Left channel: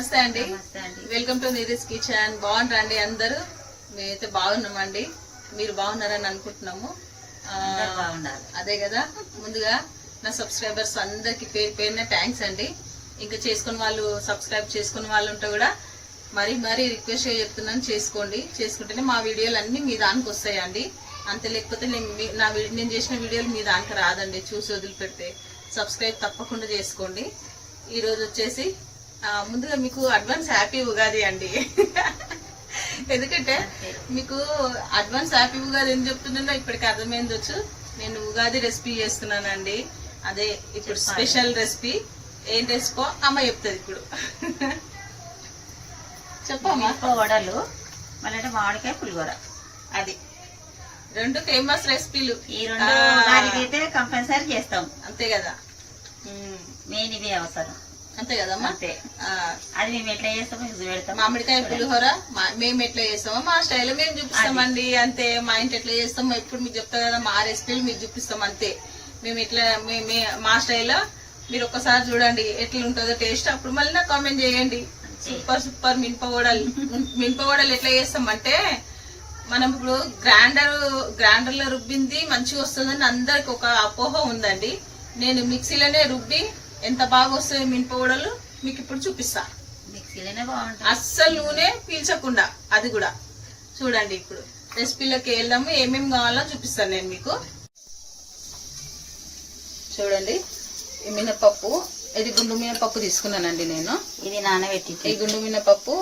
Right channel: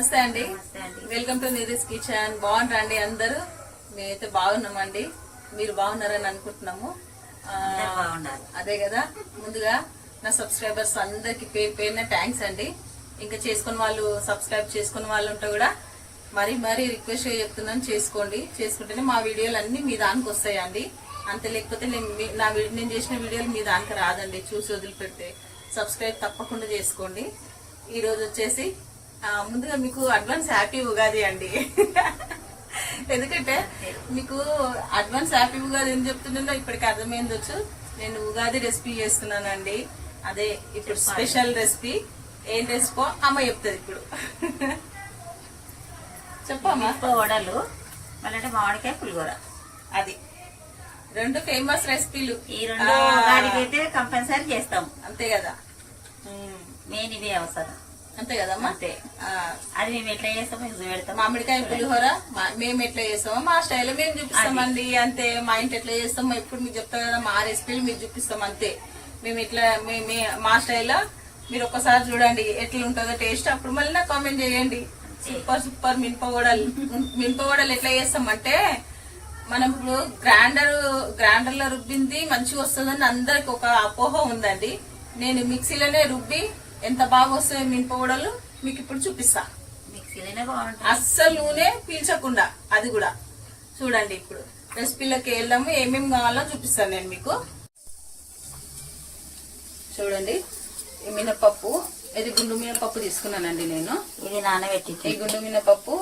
నమస్తే అండి, welcome to Neeraj kitchen. బాగున్నారండి అందరూ? మేమైతే బాగున్నామండి. మీరు బాగున్నారని అనుకుంటున్నాము. అదే కదా, ముందుగా నా సబ్స్క్రైబర్స్ అందరికి పేరు పేరున థ్యాంక్స్ అండి. ఇంకా చేసుకున్న వాళ్ళు, సబ్స్క్రైబ్ చేసుకున్న వాళ్ళు ఉంటే కూడా మరీ రిక్వెస్ట్ చెప్తున్నాను, చేసుకోండి. చేసుకుంటేనే మా వీడియోలు అన్ని మీ దానికి వస్తాయండి. అంతే, లేకపోతే నేను చేసిన వీడియోలు మీ దానికి రాదండి. చూసి వదిలిపెడితే సబ్స్క్రైబ్ తప్పకుండా చేసుకోండి. ఈరోజు వచ్చేసి ముందుగా మీకు అడ్వాన్స్ హ్యాపీ ఉగాది అండి. ఎందుకంటే మీకు అడ్వాన్స్ హ్యాపీ ఉగాది ఏం చెప్తున్నానో ఇప్పటికి అర్థమైందొచ్చు. నేను ఉగాది రెసిపీ చేస్తున్నానండి. అదే ఇప్పుడు స్పెషల్ రెసిపీ. ఏం రెసిపీ అమ్మ చెప్తుంది ఇప్పుడు. చెప్పమ్మా. వడలు మళ్ళీ మామిడికాయ పులిహోర, అది రెండు ఫేమస్ రెసిపీలు. ఈ రెండు అయితే కంపల్సరీ చేస్తాం. అంతే కదా, మెయిన్ ఇదే అవసరం. అంతే కదమ్మా. అంతే. అది మేము ఎట్లా చేస్తామో పెడతాం. మామిడికాయ పులిహోర మేము ఎట్లా చేస్తామో మా స్టైల్లో మేము చూపిస్తామండి. అంతే, మా ఇంటి ఎట్లా చేస్తామో ఇప్పుడు మీకు చెప్తాం కదా, మా రెసిపీలు మీకు చూపిస్తాం. అంతే, మేము ఇట్లా మా స్టైల్లో మీరు ఒక్కసారి చూడండి ఎట్లా ఉంటుందో టేస్ట్. అప్పుడు మళ్ళీ నాకు కామెంట్ చేయండి. సూపర్ మినపవడలు ఎట్లా చేస్తామంటే, మనం ఇప్పుడు గ్రైండర్లో రుబ్బింది మంచిగా వస్తుందని అందరికి ఒక అపోహ ఉందండి. నేను మిక్సీలోనే రుబ్బి ఎంత బాగా వస్తాయో మినపవడలు మీకు ఇప్పుడు చూపిస్తా. మిక్సీలోనే బాగుంటుంది, అస్సలు నూనె పీల్చకుండా. అది కూడా చూడండి. ఇప్పుడు రెసిపీలోకి వెళ్దాము. ఏమేమి కావాలో చూపిస్తాను నేను మీకు. చూడండి, ఈ మినపప్పు, ఇది గుండు మినపప్పు తీసుకున్నానండి నేను. ఇది నానబెట్టి, ఈ గుండు మినపప్పు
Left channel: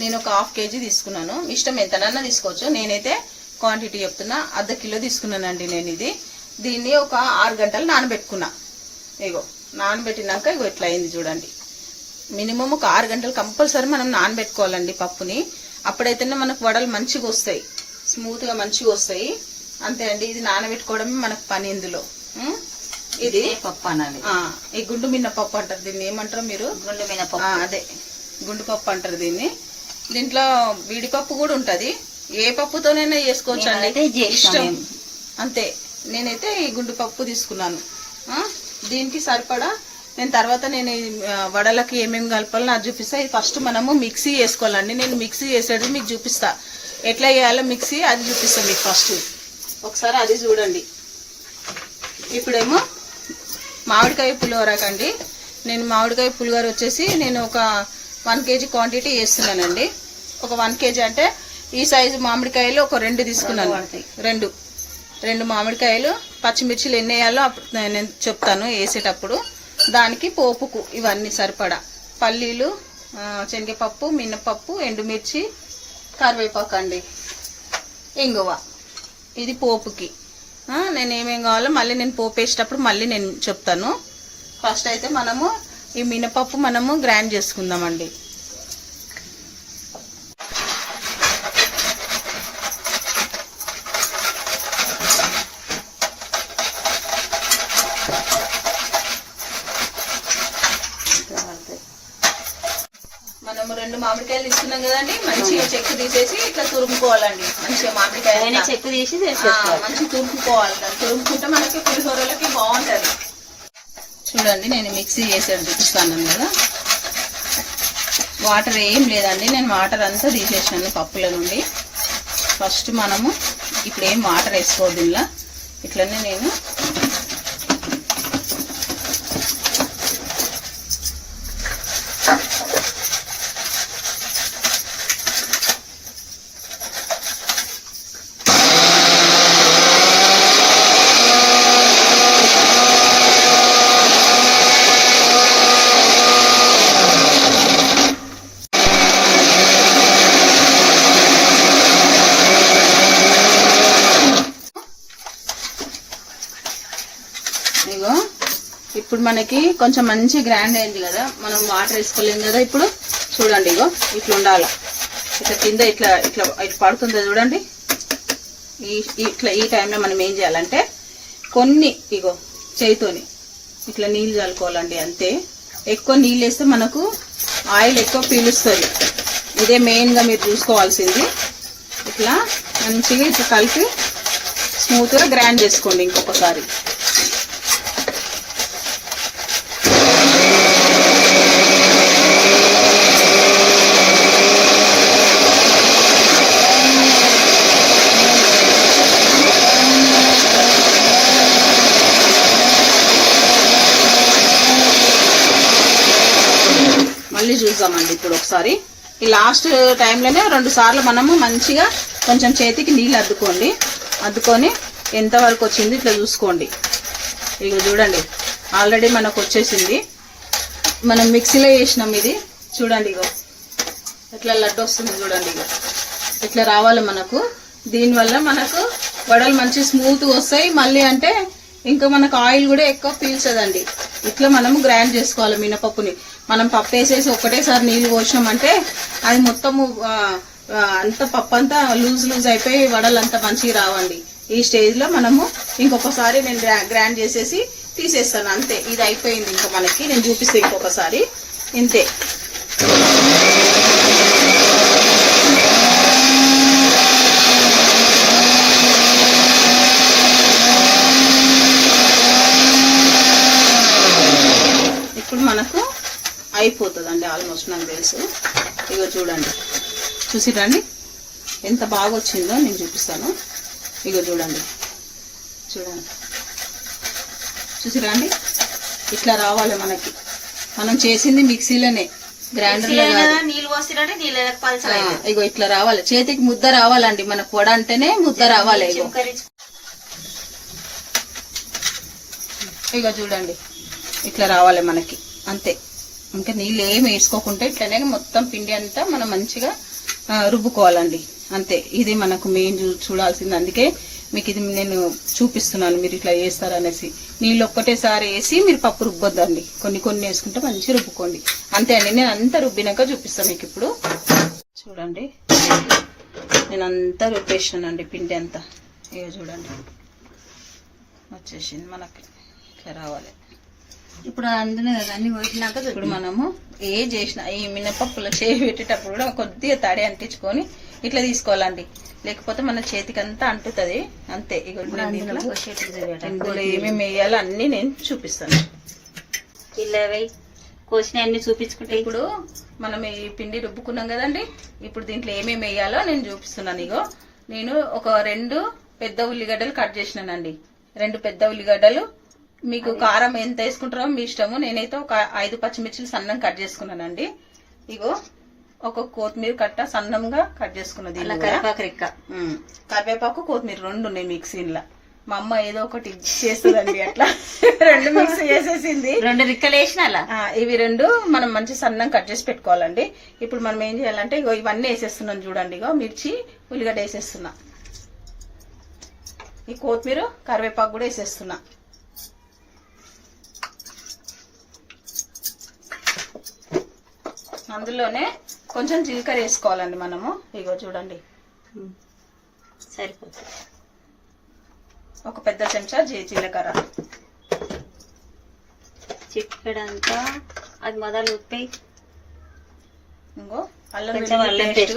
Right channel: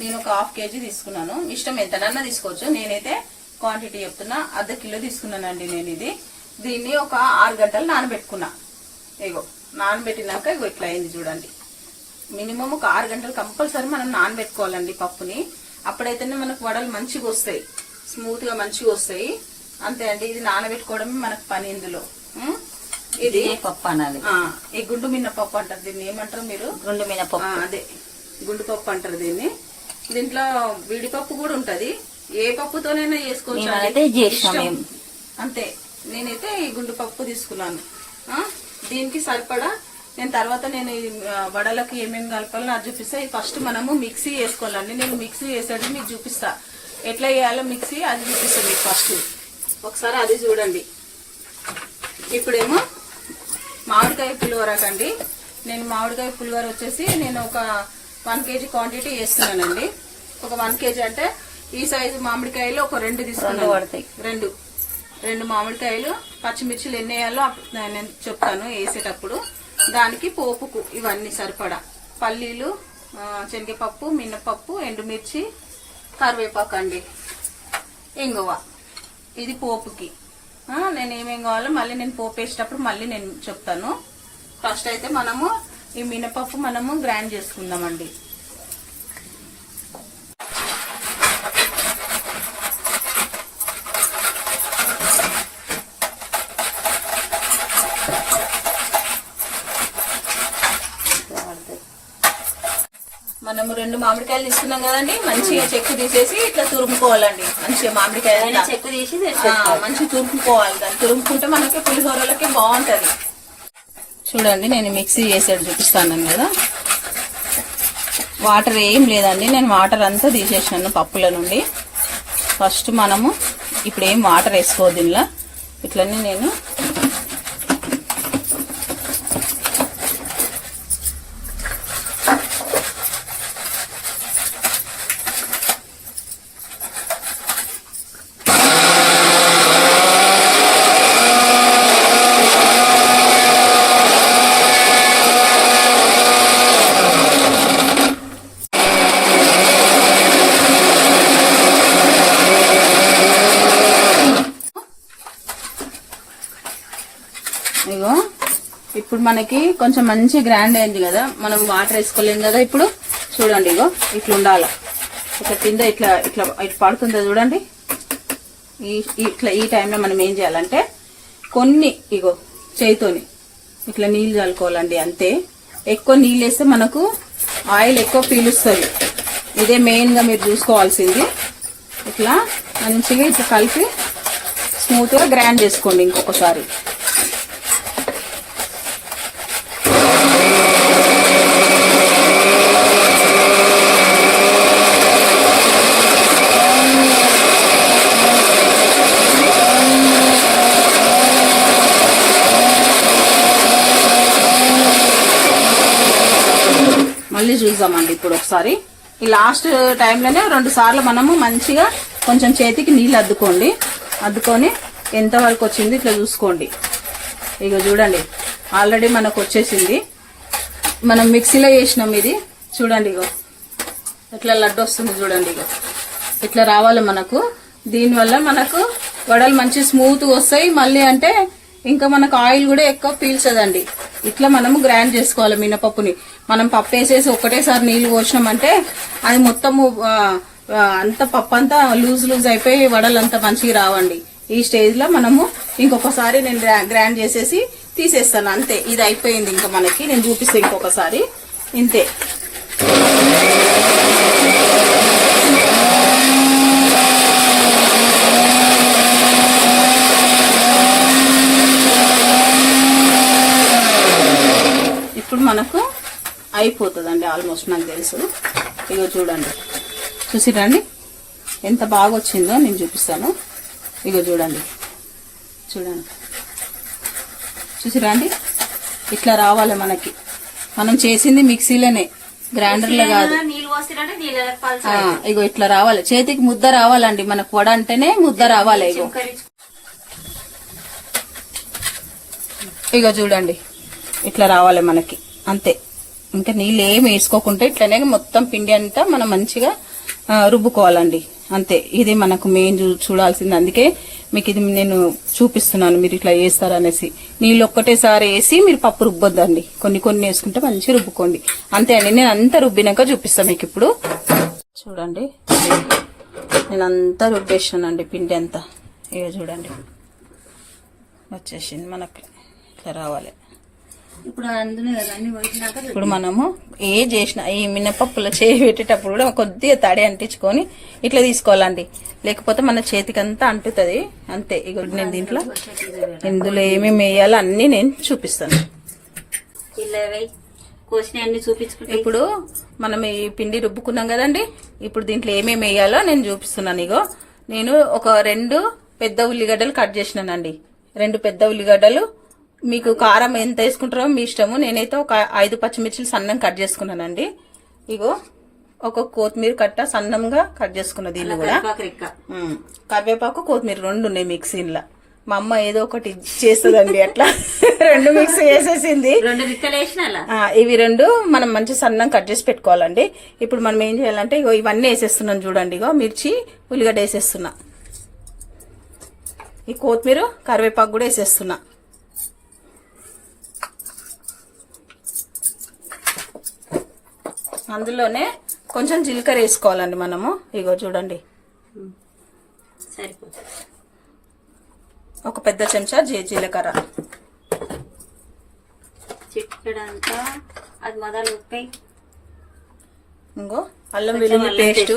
నేను ఒక 1/2 kg తీసుకున్నాను. ఇష్టం ఎంతనన్నా తీసుకోవచ్చు. నేనైతే క్వాంటిటీ చెప్తున్నా, 1/2 కిలో తీసుకున్నానండి నేను. దీన్ని ఒక 6 గంటలు నానబెట్టుకున్నా. ఇగో నానబెట్టినాక ఇగో ఇట్లా అయింది చూడండి. మినిమం ఒక 6 గంటలు కంపల్సరీ మనం నానబెట్టుకోవాలండి పప్పుని. అప్పుడైతేనే మనకు వడలు మంచిగా వస్తాయి, స్మూత్ గా మంచిగా వస్తాయి. అంతే అండి, ఇది నానబెట్టుకోవడమే మనకు పని ఇందులో. ఇది పప్పు అనాలి. ఈ గుండు మినపప్పు అంటారు దీన్ని. ఏమంటారు మీరు? గుండు మినపప్పు. అదే గుండు పప్పు అంటారు దీన్ని. దీంట్లో విడిపప్పు కూడా ఉంటది. ఏ పప్పుతోనైనా చేసుకోవచ్చు అండి, అంతే. నేనైతే ఈ గుండు పప్పు తీసుకున్నాను. దీనికి సరిపడా నేను తర్వాత నేను వడలకి ఏమేమి కలపాలో నాకు చూపిస్తా. ఫస్ట్ మనము మిక్సీ వేసుకోవాలండి. నేను మిక్సీ చేసేది మీకు చూపిస్తా, ఎట్లా వేయాలో మిక్సీ అది చూపిస్తాను మీకు. ఫస్ట్ ఒకసారి అది చూడండి. ఇప్పుడేమో మామిడికాయ పులిహోరకండి. నేను మామిడికాయ పులిహోర వచ్చేసి నేను ఒక 1 kg క్వాంటిటీ వేస్తున్నానండి. ఒక 1 kg అంటే ఈ సైజు మామిడికాయలు ఒక 2 తీసుకున్నాను. రెండు మామిడికాయలు. పచ్చిమిర్చిలు ఎన్ని వేయాలో నేను చెప్తాను వేసేటప్పుడు. దానికి పోపుకు ఇవన్నీ సరిపడా పల్లీలు, శనగపప్పు, మినపప్పు, ఎండుమిర్చి, కరివేపాకు అండి, ఇంగువ. ఇది పోపుకి. నేను ఏమేం కావాలో మళ్ళీ నేను పోపు వేసేటప్పుడు మళ్ళీ నేను చెప్తాను. ఫస్ట్ అయితే మనము ఈ మినపప్పు మనము గ్రైండ్ చేసుకుందామండి. మనము 2 మామిడికాయలు తీసుకున్నాం కదండి. మంచిగా చెక్కు తీసేసి ఇట్లా తురుముకోవాలండి. మంచిగా మామిడికాయలు చెక్కు తీసి మంచిగా తురుముకోవాలి. దాన్ని తురుముకుంటే మనకి పులిహోరలకి బాగుంటది. చూడండి, నేను మిక్సీ చేసేది చూపిస్తాను కదా. వాటర్ ఏం లేదండి, నేను వాటర్ అంతా తీసేసాను పప్పుల నుండి. ఫస్ట్ మనము ఇప్పుడు ఏం వాటర్ వేసుకోవద్దు ఇలా. ఇట్లనే నేను ఇప్పుడు మనకి కొంచెం మంచి గ్రైండ్ అయింది కదా. మనం వాటర్ వేసుకోలేము కదా. ఇప్పుడు చూడండి, ఇగో ఇట్లా ఉండాలి. ఇట్లా కింద ఇట్లా ఇట్లా ఇట్లా పడుతుంది చూడండి. ఈ టైంలో మనం ఏం చేయాలంటే కొన్ని ఇగో చేయితోని ఇట్లా నీళ్ళు చల్లుకోవాలండి. అంతే, ఎక్కువ నీళ్ళు వేస్తే మనకు ఆయిల్ ఎక్కువ పీలుస్తుంది. ఇదే మెయిన్గా మీరు చూసుకోవాల్సింది. ఇట్లా మంచిగా ఇట్లా కలిపి స్మూత్గా గ్రైండ్ చేసుకోండి ఇంకొకసారి. మళ్ళీ చూద్దామండి ఇప్పుడు ఒకసారి. ఈ లాస్ట్ టైంలోనే 2 సార్లు మనము మంచిగా కొంచెం చేతికి నీళ్ళు అద్దుకొని ఎంతవరకు వచ్చింది ఇట్లా చూసుకోండి. ఇక చూడండి ఆల్రెడీ మనకు వచ్చేసింది. మనం మిక్సీలో వేసినాం ఇది చూడండి. ఇగో ఇట్లా లడ్డు వస్తుంది చూడండి. ఇగో ఇట్లా రావాలి మనకు. దీనివల్ల మనకు వడలు మంచి స్మూత్ వస్తాయి. మళ్ళీ అంటే ఇంకా మనకు ఆయిల్ కూడా ఎక్కువ పీల్చదండి. ఇట్లా మనము గ్రైండ్ చేసుకోవాలి మినపప్పుని. మనం పప్పు వేసేసి ఒకటేసారి నీళ్లు పోసినామంటే అది మొత్తము అంత పప్పు అంతా లూజ్ అయిపోయి వడలు అంతా మంచిగా రావండి. ఈ స్టేజ్ లో మనము ఇంకొకసారి నేను గ్రైండ్ చేసేసి తీసేస్తాను అంతే. ఇది అయిపోయింది. ఇంకా మనకి నేను చూపిస్తాను ఇంకొకసారి. ఇంతే. ఇప్పుడు మనకు అయిపోతుందండి ఆల్మోస్ట్ నాకు తెలుసు. ఇగో చూడండి, చూసిరండి ఎంత బాగా వచ్చిందో నేను చూపిస్తాను. ఇగో చూడండి చూసిరండి ఇట్లా రావాలి మనకి. మనం చేసింది మిక్సీలోనే, గ్రైండర్లో కాదు. ఇగో ఇట్లా రావాలి, చేతికి ముద్ద రావాలండి. మన పొడ అంటేనే ముద్ద రావాలి. ఇగో చూడండి ఇట్లా రావాలి మనకి అంతే. ఇంకా నీళ్ళు ఏమి వేసుకోకుంటే ఇట్లనే మొత్తం పిండి అంతా మనం మంచిగా రుబ్బుకోవాలండి అంతే. ఇది మనకు మెయిన్ చూడాల్సింది. అందుకే మీకు ఇది నేను చూపిస్తున్నాను, మీరు ఇట్లా చేస్తారనేసి. నీళ్ళు ఒక్కటేసారి వేసి మీరు పప్పు రుబ్బొద్దండి, కొన్ని వేసుకుంటే మంచిగా రుబ్బుకోండి అంతే అండి. నేను అంతా రుబ్బినాక చూపిస్తాను మీకు. ఇప్పుడు చూడండి నేను అంతా రుబ్బేసానండి పిండి అంతా. ఇక చూడండి వచ్చేసింది మనకి. ఇట్లా రావాలి. ఇప్పుడు అందులో అన్ని పోసినాక ఇప్పుడు మనము ఏ చేసిన ఈ మినపప్పులో చేయి పెట్టేటప్పుడు కూడా కొద్దిగా తడి అంటించుకొని ఇట్లా తీసుకోవాలండి. లేకపోతే మన చేతికి అంతా అంటుతుంది అంతే. ఇక నేను దీంట్లో ఇందులో ఏమేమి వేయాలో అన్ని నేను చూపిస్తాను. కోసిన అన్ని చూపించుకుంటే ఇప్పుడు మనం ఈ పిండి రుబ్బుకున్నాం కదండి. ఇప్పుడు దీంట్లో ఏమేమి వేయాలో నేను చూపిస్తున్నాను. ఇగో నేను ఒక 2 పెద్ద ఉల్లిగడ్డలు కట్ చేసినానండి. 2 పెద్ద ఉల్లిగడ్డలు. మీకు కారం ఎంత వేసుకుంటారో మీ ఇష్టము. నేనైతే ఒక 5 పచ్చిమిర్చిలు సన్నం కట్ చేసుకున్నానండి. ఇగో ఒక కొత్తిమీర కట్ట సన్నంగా కట్ చేసుకున్నది. కరివేపాకు కొత్తిమీర 2 ఉన్నాయి మిక్సీలో. మా అమ్మ ఏదో ఒకటి చేస్తుందండి అట్లా 2 మిక్సీ చేసేసింది. 2 రిక్కలు వేసిన ఇవి 2 మనం మంచి సన్నం కట్ చేసి పెట్టుకోవాలండి. ఇప్పుడు మనం ఏం చేయాలంటే ఇగో ఇవన్నీ వేసేస్తున్నాను చూడండి. ఇగో మిర్చి ఉల్లిగడ్డ వేసేస్తున్నా. ఈ కొత్తిమీర కరివేపాకు కూడా వేసేస్తున్నా. అందులోనే కొంచెం జీలకర్ర వేసుకోవాలండి మనము. ఇగో చూడండి సరిపోతుంది. ఒక పెద్ద చెంచా జీలకర్ర, చిటికెడంతా అది మొదలు ఉప్పి. ఇంకో అల్లం వెల్లుల్లి పేస్ట్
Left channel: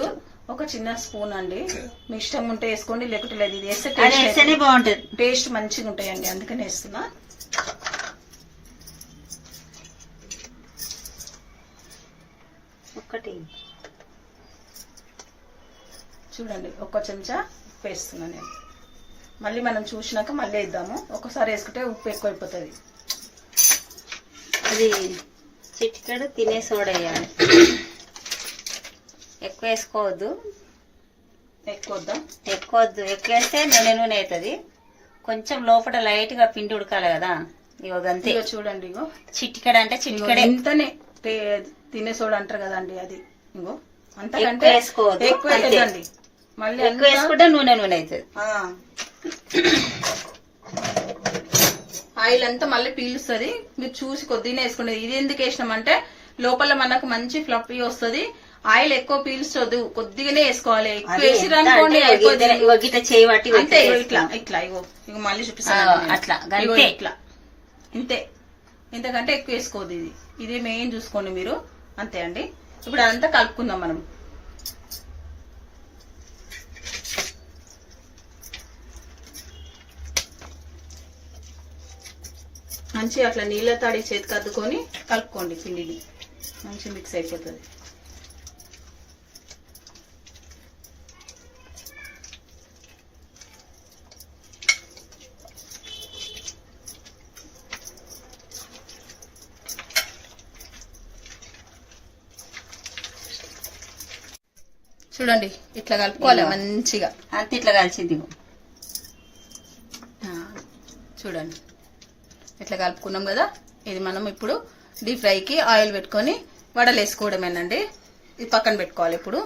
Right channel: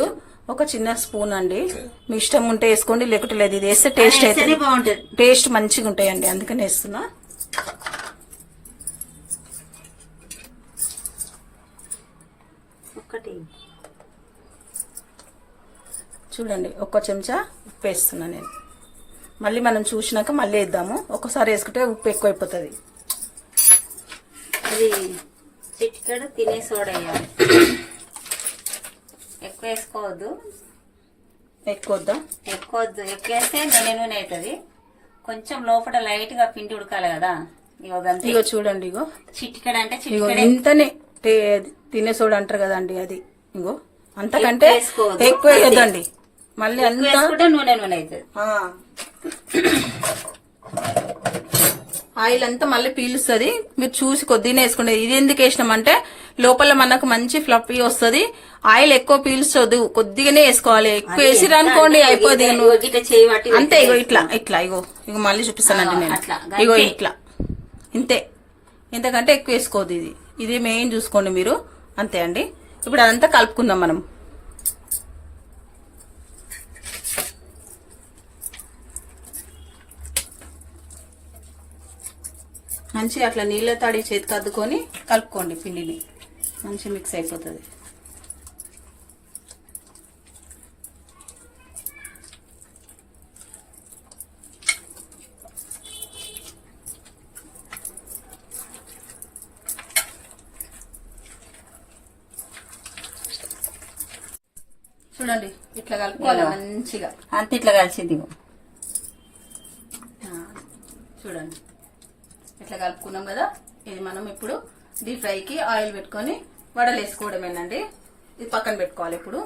ఒక చిన్న స్పూన్ అండి. మీ ఇష్టం ఉంటే వేసుకోండి, లేకుంటే లేదు. ఇది వేస్తే టేస్ట్ అయితే బాగుంటుంది, టేస్ట్ మంచిగా ఉంటాయండి, అందుకని వేస్తున్నా. చూడండి 1 చెంచా ఉప్పు వేస్తున్నా నేను. మళ్ళీ మనం చూసినాక మళ్ళీ వేద్దాము. ఒకసారి వేసుకుంటే ఉప్పు ఎక్కువైపోతుంది. ఇది చిటికెడు తినే సోడా వేయాలి. ఎక్కువ వేసుకోవద్దు. ఎక్కువ ఎక్కువ వేస్తే నూనె అవుతుంది. కొంచెం లోపల లైట్ గా పిండి ఉడకాలి కదా. ఇగో గంతే. ఇగో చూడండి, ఇగో చిటికెడు అంటే చిటికెడు ఇంతనే తినే సోడా అంటారు కదండి అది. ఇగో అంతకంటే ఎక్కువ వేయద్దండి. మళ్ళీ వేసుకుంటే నూనె అవుతుంది. ఆయిల్ అంతా మళ్ళీ పీలుస్తుంది. మీరు చూసి కొద్దిగా వేసుకోండి. ఇది ఎందుకు వేసినామంటే లోపల మనకు మంచి ఫ్లఫీ వస్తుంది. ఆయిల్ ఎక్కువ పీల్చదు, కొద్దిగానే వేసుకోవాలి. ఎక్కువ వేసిరు అనుకోండి అయిపోతుంది అంతే. ఇట్లా ఇట్లా ఇగో మళ్ళీ చూపిస్తానండి అట్లా. ఇగో ఇట్లా ఇంతే. ఇంతకంటే ఎక్కువ వేసుకోవద్దు. ఇది మెయిన్ చూసుకోండి మీరు అంతే అండి. ఇప్పుడు అదంతా కలుపుకుందాం మనం. మంచిగా అట్లా నీళ్ళ తాడి చేతికి అద్దుకొని కలుపుకోండి. పిండిని మంచి మిక్స్ అయిపోతుంది. చూడండి ఇట్లా కలుపుకోవాలి మంచిగా. అంత ఇట్లా కలిసింది. చూడండి ఇట్లా కలుపుకున్నాం కదా. ఇది మనం ఇప్పుడు డీప్ ఫ్రైకి ఆయిల్ పెట్టుకొని వడలు వేసుకోవడమేనండి. ఇది పక్కన పెట్టుకోవాలి. ఇప్పుడు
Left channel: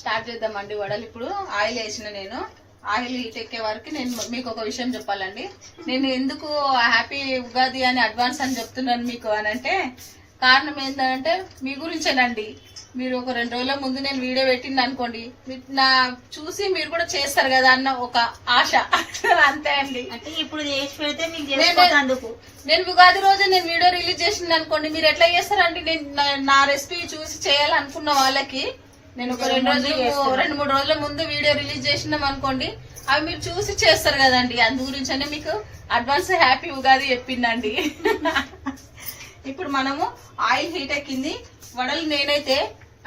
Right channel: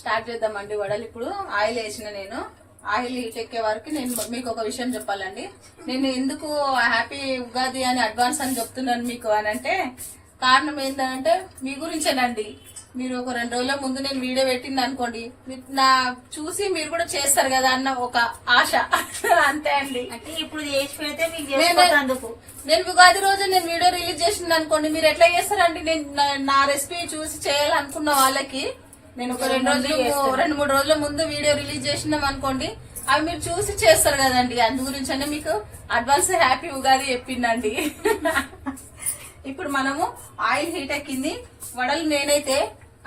స్టార్ట్ చేద్దామండి వడలు. ఇప్పుడు ఆయిల్ వేసిన నేను ఆయిల్ హీట్ ఎక్కే వరకు నేను మీకు ఒక విషయం చెప్పాలండి. నేను ఎందుకు హ్యాపీ ఉగాది అని అడ్వాన్స్ అని చెప్తున్నాను మీకు అని అంటే కారణం ఏంటంటే మీ గురించేనండి. మీరు ఒక 2 రోజుల ముందు నేను వీడియో పెట్టింది అనుకోండి, నా చూసి మీరు కూడా చేస్తారు కదా అన్న ఒక ఆశ అంతే అండి. ఇప్పుడు చేసి పెడితే నేను ఉగాది రోజు నేను వీడియో రిలీజ్ చేసింది అనుకోండి, మీరు ఎట్లా చేస్తారండి? నేను నా రెసిపీ చూసి చేయాలనుకున్న వాళ్ళకి నేను ఒక 2-3 రోజుల ముందు వీడియో రిలీజ్ చేసినాం అనుకోండి, అవి మీరు చూసి చేస్తారు కదండి. అందు గురించనే మీకు అడ్వాన్స్ హ్యాపీ ఉగాది చెప్పిందండి. ఇప్పుడు మనము ఆయిల్ హీట్ ఎక్కింది. వడలు నేనైతే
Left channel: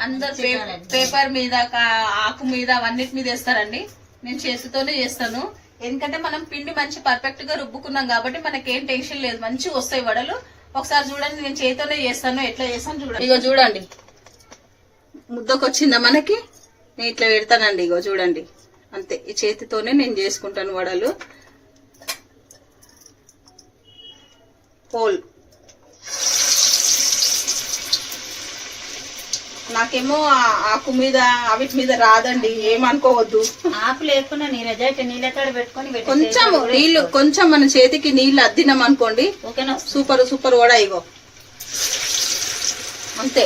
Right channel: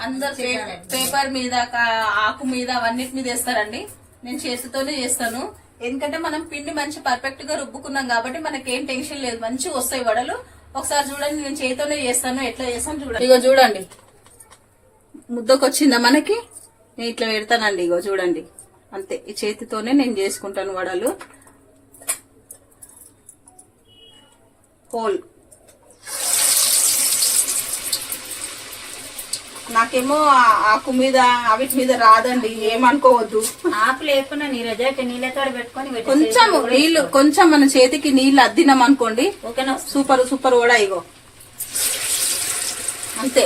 అందరు పేపర్ మీద ఆకు మీద అవన్నిటి మీద వేస్తారండి. నేను చేతితోనే చేస్తాను. ఎందుకంటే మనం పిండి మంచి పర్ఫెక్ట్ గా రుబ్బుకున్నాం కాబట్టి మనకేం టెన్షన్ లేదు, మంచిగా వస్తాయి వడలు. ఒకసారి చూడండి, నేను చేతితోనే చేస్తాను. ఎట్లా చేస్తాను చూడండి. ఇక చూడండి ముద్దకొచ్చిందా మనకి. నేను ఇట్లా పెడతానండి. ఇగో చూడండి అంతే. ఈ చేతితోనే నేను చేసుకుంటాను వడలు. హోల్ నాకేమో ఆకు మీద అవిటి మీద రాదండి, ఏమనుకోవద్దు. ఆకు లేకుండా నీళ్ళతో పెట్టుకొని కొంచెం నీళ్లు, కొంచెం మన చేతికి నీళ్లు అద్దినాం అనుకోండి, సూపర్ సూపర్ వడ. ఇగో అంతే.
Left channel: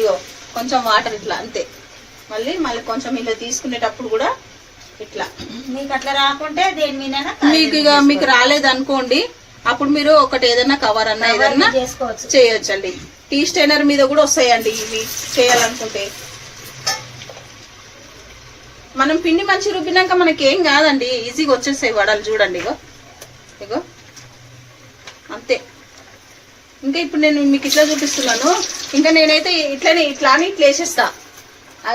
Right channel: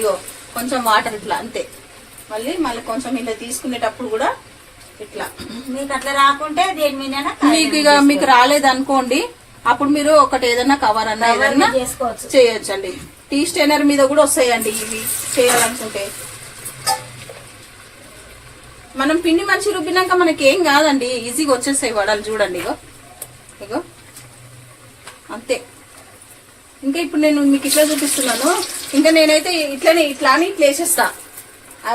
ఇగో కొంచెం వాటర్ ఇట్లా అంతే. మళ్ళీ కొంచెం ఇలా తీసుకునేటప్పుడు కూడా ఇట్లా. మీకు అట్లా రాకుంటే దేని మీద మీకు ఇక మీకు రాలేదనుకోండి, అప్పుడు మీరు ఒకటి ఏదైనా కవర్ అన్నా ఏదన్నా చేయొచ్చండి. టీ స్టైనర్ మీద కూడా వస్తాయండి ఇవి చేయాలనుకుంటే. మనం పిండి మంచి రుబ్బినాక మనకి ఏం కాదండి, ఈజీగా వచ్చేస్తాయి వడలు. చూడండి ఇగో ఇగో అంతే. ఇంకా ఇప్పుడు నేను మీకు ఇట్లా చూపిస్తున్నాను. ఇంకా నేనైతే ఇట్లానే ఇట్లా వేసేస్తా.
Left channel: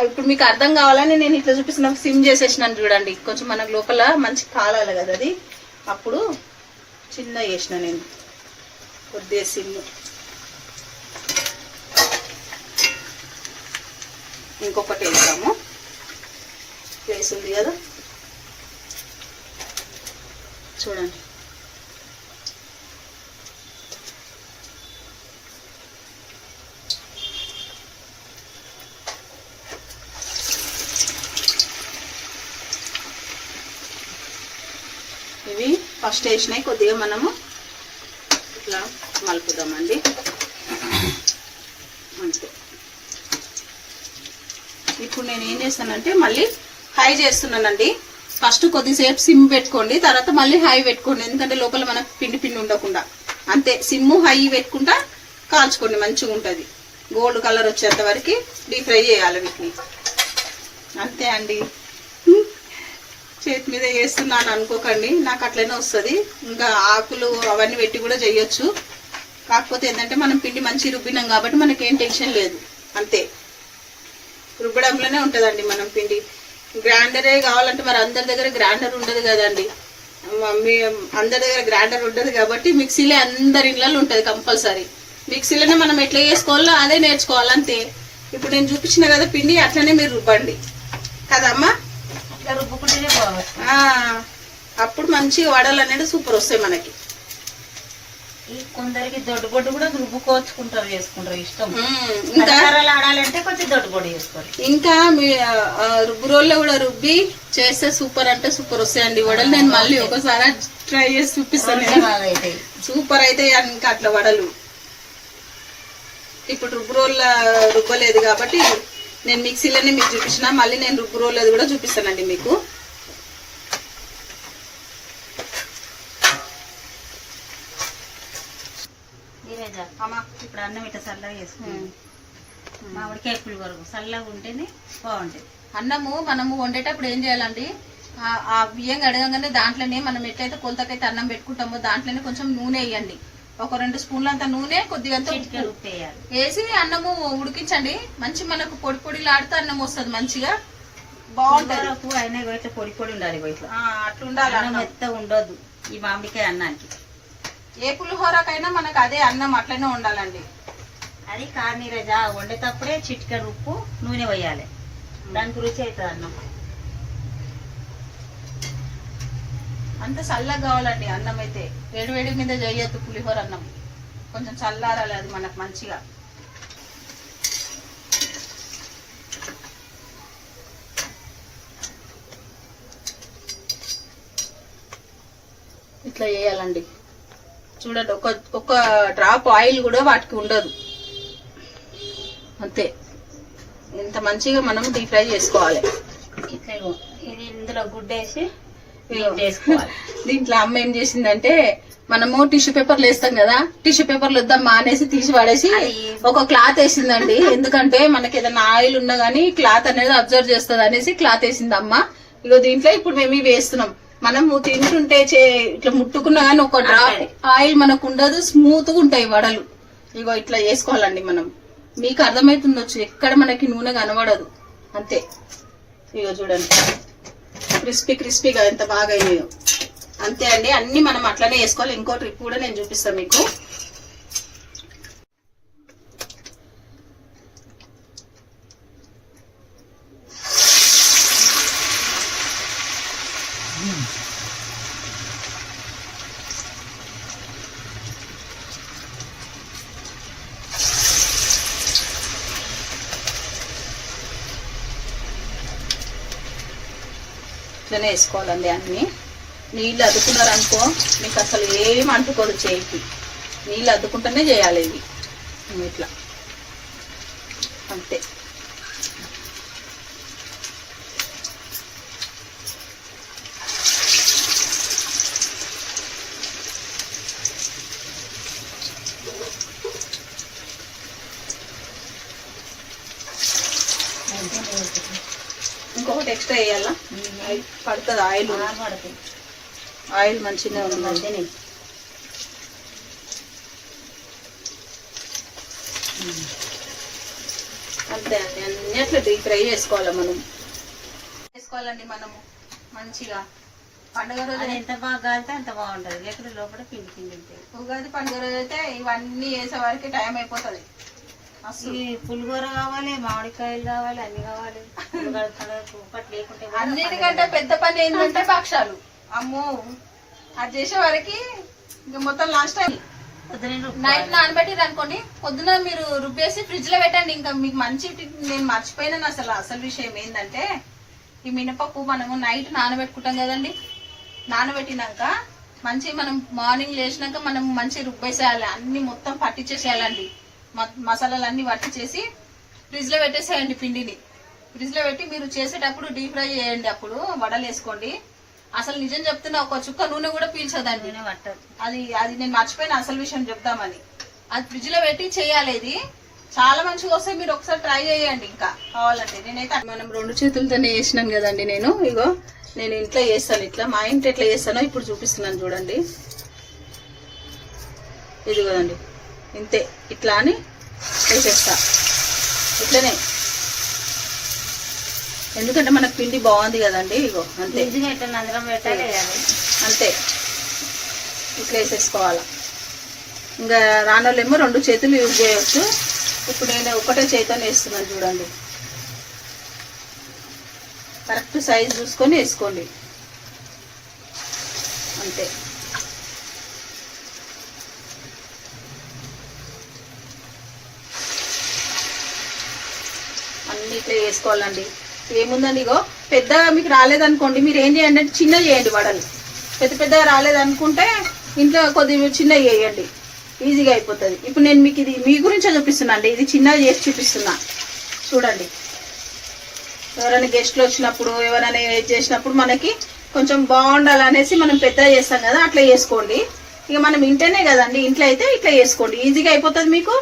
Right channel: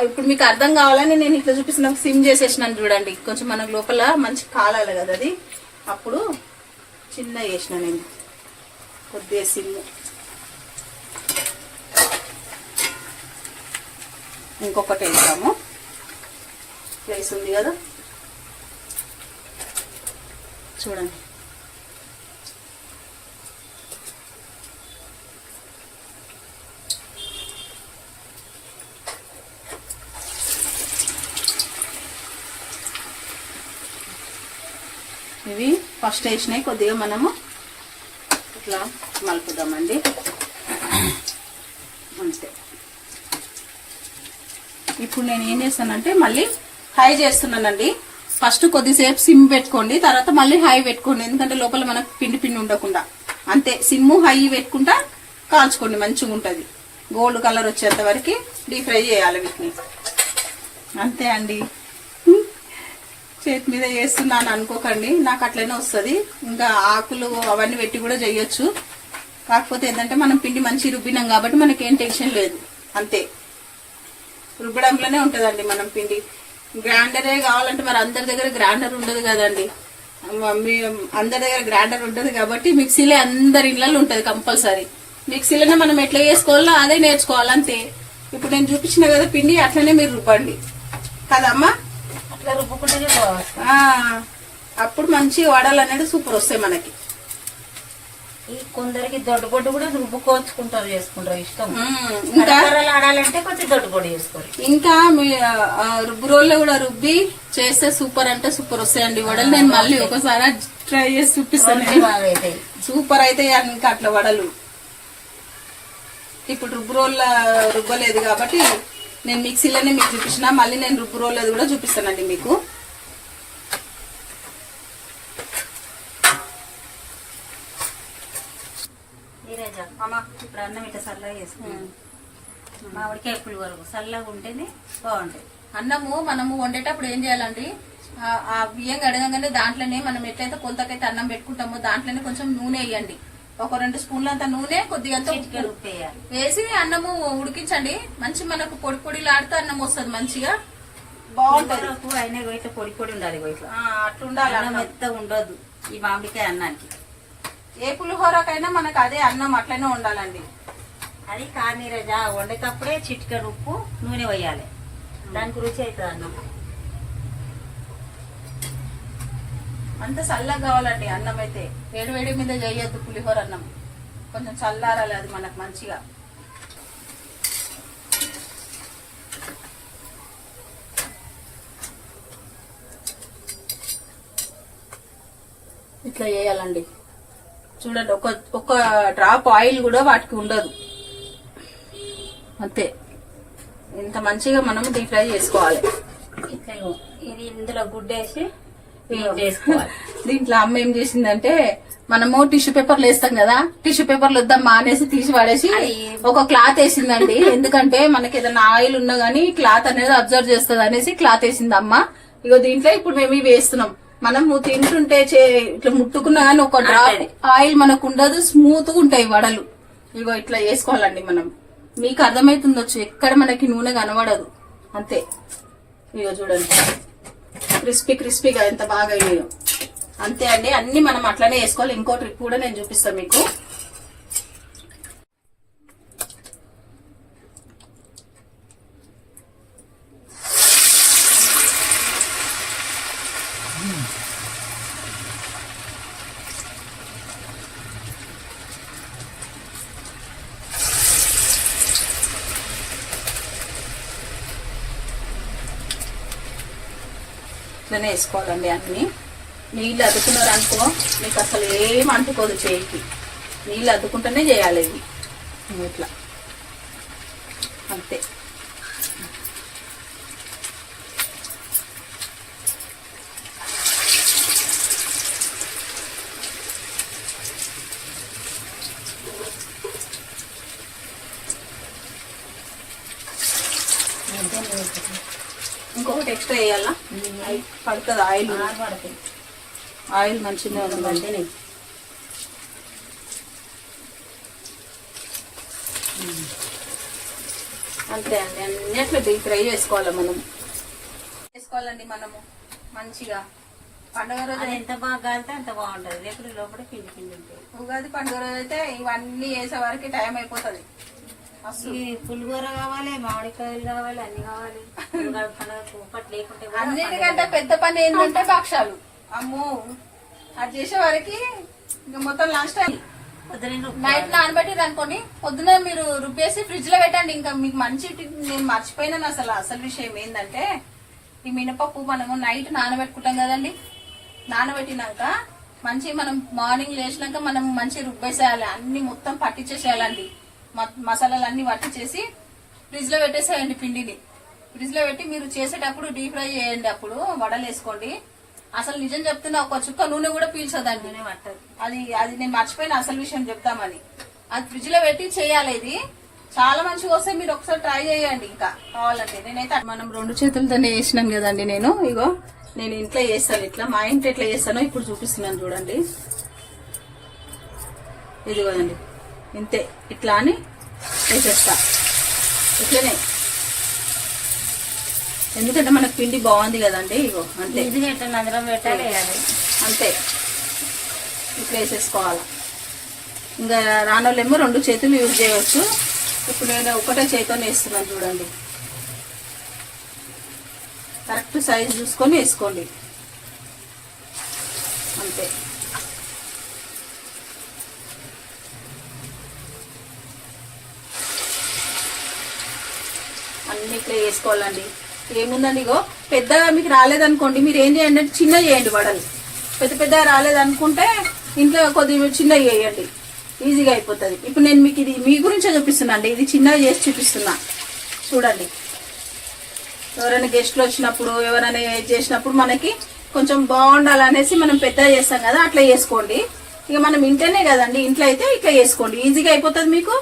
ఇప్పుడు మీకు అర్థం కావాలని నేను ఇట్లా చూపిస్తున్నాను. సిమ్ చేసేసినాను చూడండి. కొంచెం మనకు లోపల మంచి కాలాలి కదా అది. అప్పుడు చిన్న వేసిన నేను కొద్దిగా సిమ్. ఇంకొకటి వేసాము. ప్లేస్ ఉంది కదా చూడండి. ఇవి ఫస్ట్ వేసినాయి. కొద్దిగా మనము ఇట్లా మలుపుదామండి అంతే. ఇప్పుడు నేను ఏం చేస్తానంటే మళ్ళీ హై చేస్తున్నానండి. ఫస్ట్ కొద్దిసేపు సిమ్ పెట్టుకోండి, తర్వాత మళ్ళీ హై పెట్టుకోండి. ఎందుకంటే లోపల మనకు పిండి పిండి ఉండకుండా. అంతే. సిమ్ హై పెట్టుకుంటా కాల్చుకోండి, మంచిగా ఉంటుంది. గోల్డ్ కలర్ వచ్చేంత వరకు డీప్ ఫ్రై చేయాలి వీటిని. అంతే అండి. చేతి మీద చేస్తున్నాను అనుకోకండి, నాకు అట్లనే వస్తుంది. ఇంకా ఆకులు అవన్నీ పెట్టి కూడా చేయొచ్చు. కాకపోతే ఏంటంటే మనం పిండి మంచి రుబ్బినాం కాబట్టి మనకేం టెన్షన్ లేదు. అంతే. రుబ్బడంలోనే ఉంటుందండి మనం పిండి. గ్రైండరే కావాలంటే మరి అందరి దగ్గర గ్రైండర్ ఉండదు కదండి. అందరి దగ్గర గ్రైండర్ ఉండదు కాబట్టి మిక్సీలే అందరి ఇళ్ళలో ఉంటుంది కంపల్సరీ. మిక్సీలోనే మనం ఎట్లా చేసుకోవాలో అదే నేర్చుకోవాలి అంతే. ఇప్పుడు నేను చూపించిన కదా పిండి, అట్లనే మీరు రుబ్బండి కదమ్మా. అట్లా రుబ్బుకుంటేనే బాగుంటుంది. అప్పుడు మంచిగా వడలు అనేది సూపర్ వస్తాయి మనకి. కొందరికి దొడ్డుగొడ్డు కూడా రుబ్బుకోవచ్చుకుంటారు, చేసుకుంటారు ఇష్టం. ఇంకా ఆడాలంటే కొంచెం దొడ్డుగొడ్డు చేసుకోవాలి. ఇంకా రుబ్బు రోల్లో కూడా రుబ్బి చేస్తే సూపర్ అంటే సూపర్ వస్తాయండి వడలు. నేను మళ్ళీ ఒకసారి ట్రై చేసి చూపిస్తాను. సూపర్ అయితే ఇంకా అట్లా వడలు. ఇప్పుడు రుబ్బు రోల్ రుబ్బలేదు కాబట్టి నేను మిక్సీలోనే మీకు చూపించిన. మళ్ళీ నేను రుబ్బు రోల్ కూడా చూపిస్తానండి మీకు. ఇప్పుడు అన్నం ఇట్లా చల్లగా చేసుకుంటాం. మామిడికాయ పులిహోర చల్లగా ఉంటేనే బాగుంటాయి. అన్నము మనము వండేటప్పుడు ఏం చేయాలండి, ఆ బియ్యం కడగంగానే దాంట్లోనే మనం ఎట్లయితే కొలతకైతే అన్నం పెట్టుకుంటామో దాంట్లోనే కొంచెం నూనె వేయండి. ఒక 2 స్పూన్లంత నూనె, కొద్దిగా ఉప్పు వేసి అన్నము ఉడికించండి. మంచి మనకు పొడి పొడిలాడితే అన్నం వస్తుంది, మంచిగా బాగుంటుంది. అయినా ఇట్లా పొడి పొడి ఉండాలి, ఇట్లా అట్లా ఉండాలి. అన్నం మెత్త ఉండొద్దు ఈ మామిడికాయ అన్నానికి. ఏ పులిహోరకైనా మనకు అదే అన్నం అట్లనే ఉండాలండి. అది కానీరజ వండేటప్పుడే చిటికెడు ఉప్పు నూనె వేయాలి, దానికి రుచి అవుతుంది అన్నం. అంత చల్లగా కావాలండి అన్నం అయితే, వేడి వేడి మీద చేయొద్దు పులిహోర అన్నం, కొంచెం చల్లారాలి అది మనకు మంచిగా. ఇట్లా చేయాలండి. చూడండి, ఒక డ్రాప్ ఆయిల్ కూడా వాటికి ఉండదు, అంతే. ఇంత మంచిగా మనం డీప్ ఫ్రై చేసుకోవాలి. ఇట్లా ఇది ఇందులో గుడ్డేసి చేసుకోవాలి. దీంట్లో అమ్మ ఏం చేసిందంటే, మనము టిష్యూ పేపర్లు వేస్తాం కదా, టిష్యూ పేపర్లు వద్దాం మానేసి తీసి పడేసి ఒక క్లాత్ వేసిందండి. ఎందుకంటే మనకి ఏదైనా ఆయిల్ ఉన్నా గానీ క్లాత్ అనేది అబ్జర్వ్ చేస్తుంది అనేసి క్లాత్ వేసింది అమ్మ. ఇగో దీంట్లో ఇప్పుడు మేము ఇవి వేస్తున్నాం. మనము తింటుంటే ఇట్లా ముట్టుకున్నా కానీ ఒక డ్రాప్ ఆయిల్ మనకు ఉండదు, స్మూత్ గా ఉంటాయి వడలు. ఇగో ఇట్లా చేసుకోవాలండి మనం. మీకు అర్థమైతుండొచ్చు, ఎక్కడ మనకి నూనె కనబడదు, అంతే. ఇగో చూడండి, క్రిస్పీగా ఎంత బాగా అయ్యాయో, అంతే అండి. అన్ని మనం అట్లనే వేసుకోవాలి. ఇంకో ట్రిక్ కూడా నేను చూపిస్తాను మీకు. ఇట్లనే వేసుకోవాలండి అన్ని. నీళ్ళు అద్దుకున్నారు అనుకో మీకు అసలు ఏం అంటుకోదు చేయికి. నీళ్ళు అద్దుకుంటూనే చేయాలి ఇవి, ఇట్లా అంతే. ఇంకొకటి ఎక్స్ట్రా వేయాలా, పడుతుంది ఆయిల్. ఆయిల్ మంచిగా ఉందండి. అంతే అండి, అన్ని అట్లా డీప్ ఫ్రై చేసుకోవాలి మనం. చేసుకోవాలండి మనము మంచిగా. పండుగ రోజు ఎంత బాగా కాలితే అంత బాగుంటది, లేకపోతే లోపల పిండి పిండి ఉంటాయి. ఉగాది పండుగ రోజు అయితే ఇవన్నీ వేసే వరకు టైం అయిపోతుంది. పులిహోర కావాలి, మామిడికాయలు కావాలి, అన్ని కావాలి. లేకుంటే అన్నిటికంటే పెద్ద పని ఏంటంటే భక్షాలు. అమ్మో, అది చేసే వరకు మొత్తం లాస్ట్ టైం నైట్ నానబెట్టిరు అనుకోండి, పొద్దున మీరు రుబ్బేసి ఫ్రిడ్జ్ లో పెట్టండి. ఇంకా మీకు మంచి నేను మర్చిపోయినాను. అసలు విషయం ఏంటంటే, ఈ మినపప్పు మనము నైట్ నానబెట్టుకుంటాం కదండి. నానబెట్టినాక మంచి మనం మార్నింగ్ లేచినాక మనం మంచి రుబ్బేసేయాలి, అన్ని మొత్తం పట్టించేసేయాలండి. మసాలాలు అన్ని పట్టించేసి ఫ్రిడ్జ్ లో పెట్టేసేయండి. పిండిని ఫ్రిడ్జ్ లో పెట్టి మీరు చేసేటప్పుడు డీప్ ఫ్రై చేయండి. అప్పుడు వడలు వేసుకోండి. అసలు నిజం చెప్తున్నా, ఒక చుక్క నూనె కూడా పీల్చదండి, నూనె పట్టదు. అది నేను మర్చిపోయిన అసలు విషయం చెప్తామని. అది ఫ్రిడ్జ్ లో పెట్టి చేయాలి. ఇది చాలా మంచిగా వస్తాయి, మీరు ఒకసారి ట్రై చేయండి. ఇంకా కావాలంటే నేనైతే మనం 2 చేతులతోనే వేసినాను కదండి. నేను ఇంట్లో చేస్తాను, ఇట్లా మా ఇంట్లో ఎట్లా చేస్తానో ఇప్పుడు చూపిస్తున్నాను చూడండి. ఇది కదండి, ఇంతే. ఇట్లా అని వేసేస్తా, ఇట్లనే. ఎందుకంటే మనకు పిండి బాగుంది కదండి. ఇగో అంతే, అంతే. ఇట్లా వేసేసుకోవాలా. ఇంకా రానోళ్ళేమో 2 చేతులు యూజ్ చేయవచ్చు. ఇప్పుడు నేను ఒకటే చేతితోనే వేస్తున్నాను చూడండి. కరెక్ట్ సైజ్ చూసుకొని వేసుకోండి, అంతే. అన్ని ఇట్లా వేసుకోవాలండి. ఏముందండి, ఇగో పెద్దగా మీకు రాలేదనుకోండి, మీరు ఏం చేయండి అంటే చిన్న చేయండి వడలు. పెద్దగా రాలేదనుకుంటే ఇంట్లో కొద్దిగా చిన్నగా చేయండి, ఈజీగా అయిపోతుంది. ఇప్పుడు నేను మీకు ఇది మీ గురించే చూపిస్తున్నా అండి. ఇది చిన్నగా చేసి చూపిస్తున్నా చూడండి. ఎవరైనా గెస్ట్లు వచ్చినప్పుడు, ఎవరైనా ఏది చేసినప్పుడు మనకి కొంచెం బాగుండాలనేసి మనం పెద్దగా చేస్తాం కదా, అట్లా చేసుకోండి. ఇక మనం ఇంట్లోనే కదండి, ఇంట్లో అయితే ఇట్లా చేసుకోండి, ఈజీగా అయిపోతుంది, మీకు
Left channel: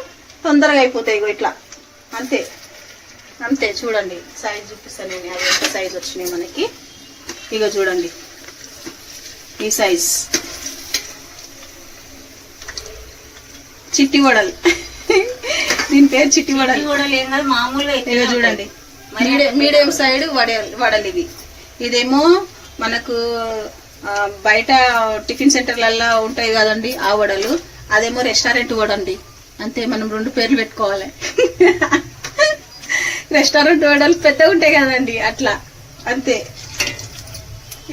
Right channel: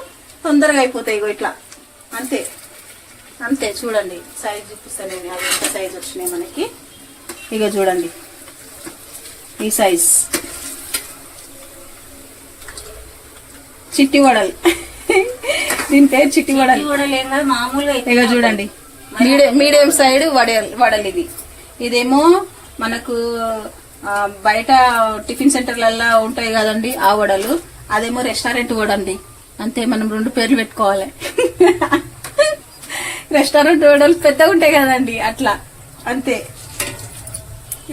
తొందరగా అయిపోతాయి. ఇగో ఇట్లా అంతే, అంతే. చూడండి సైజ్ చూపిస్తాను నేను, అది ఎంత సైజ్ వచ్చినాయి మనకి. ఇక చూడండి ఈ సైజ్ చిట్టి వడలు. దీని పేరు చిట్టి వడలు. మామూలుగా ఇక చూడండి, మీడియం సైడ్ వడలు ఇవి. ఇదేమో మనకు బయట టిఫిన్ సెంటర్లలో ఉంటాయి కదండి ఆ వడలు. అదేమో రెస్టారెంట్ వడండి. అంతే, మనం 2 పేర్లు పెట్టుకోవాలి. రెస్టారెంట్ వడలు పెద్దగా ఉంటాయి కదండి, అట్లా అంతే.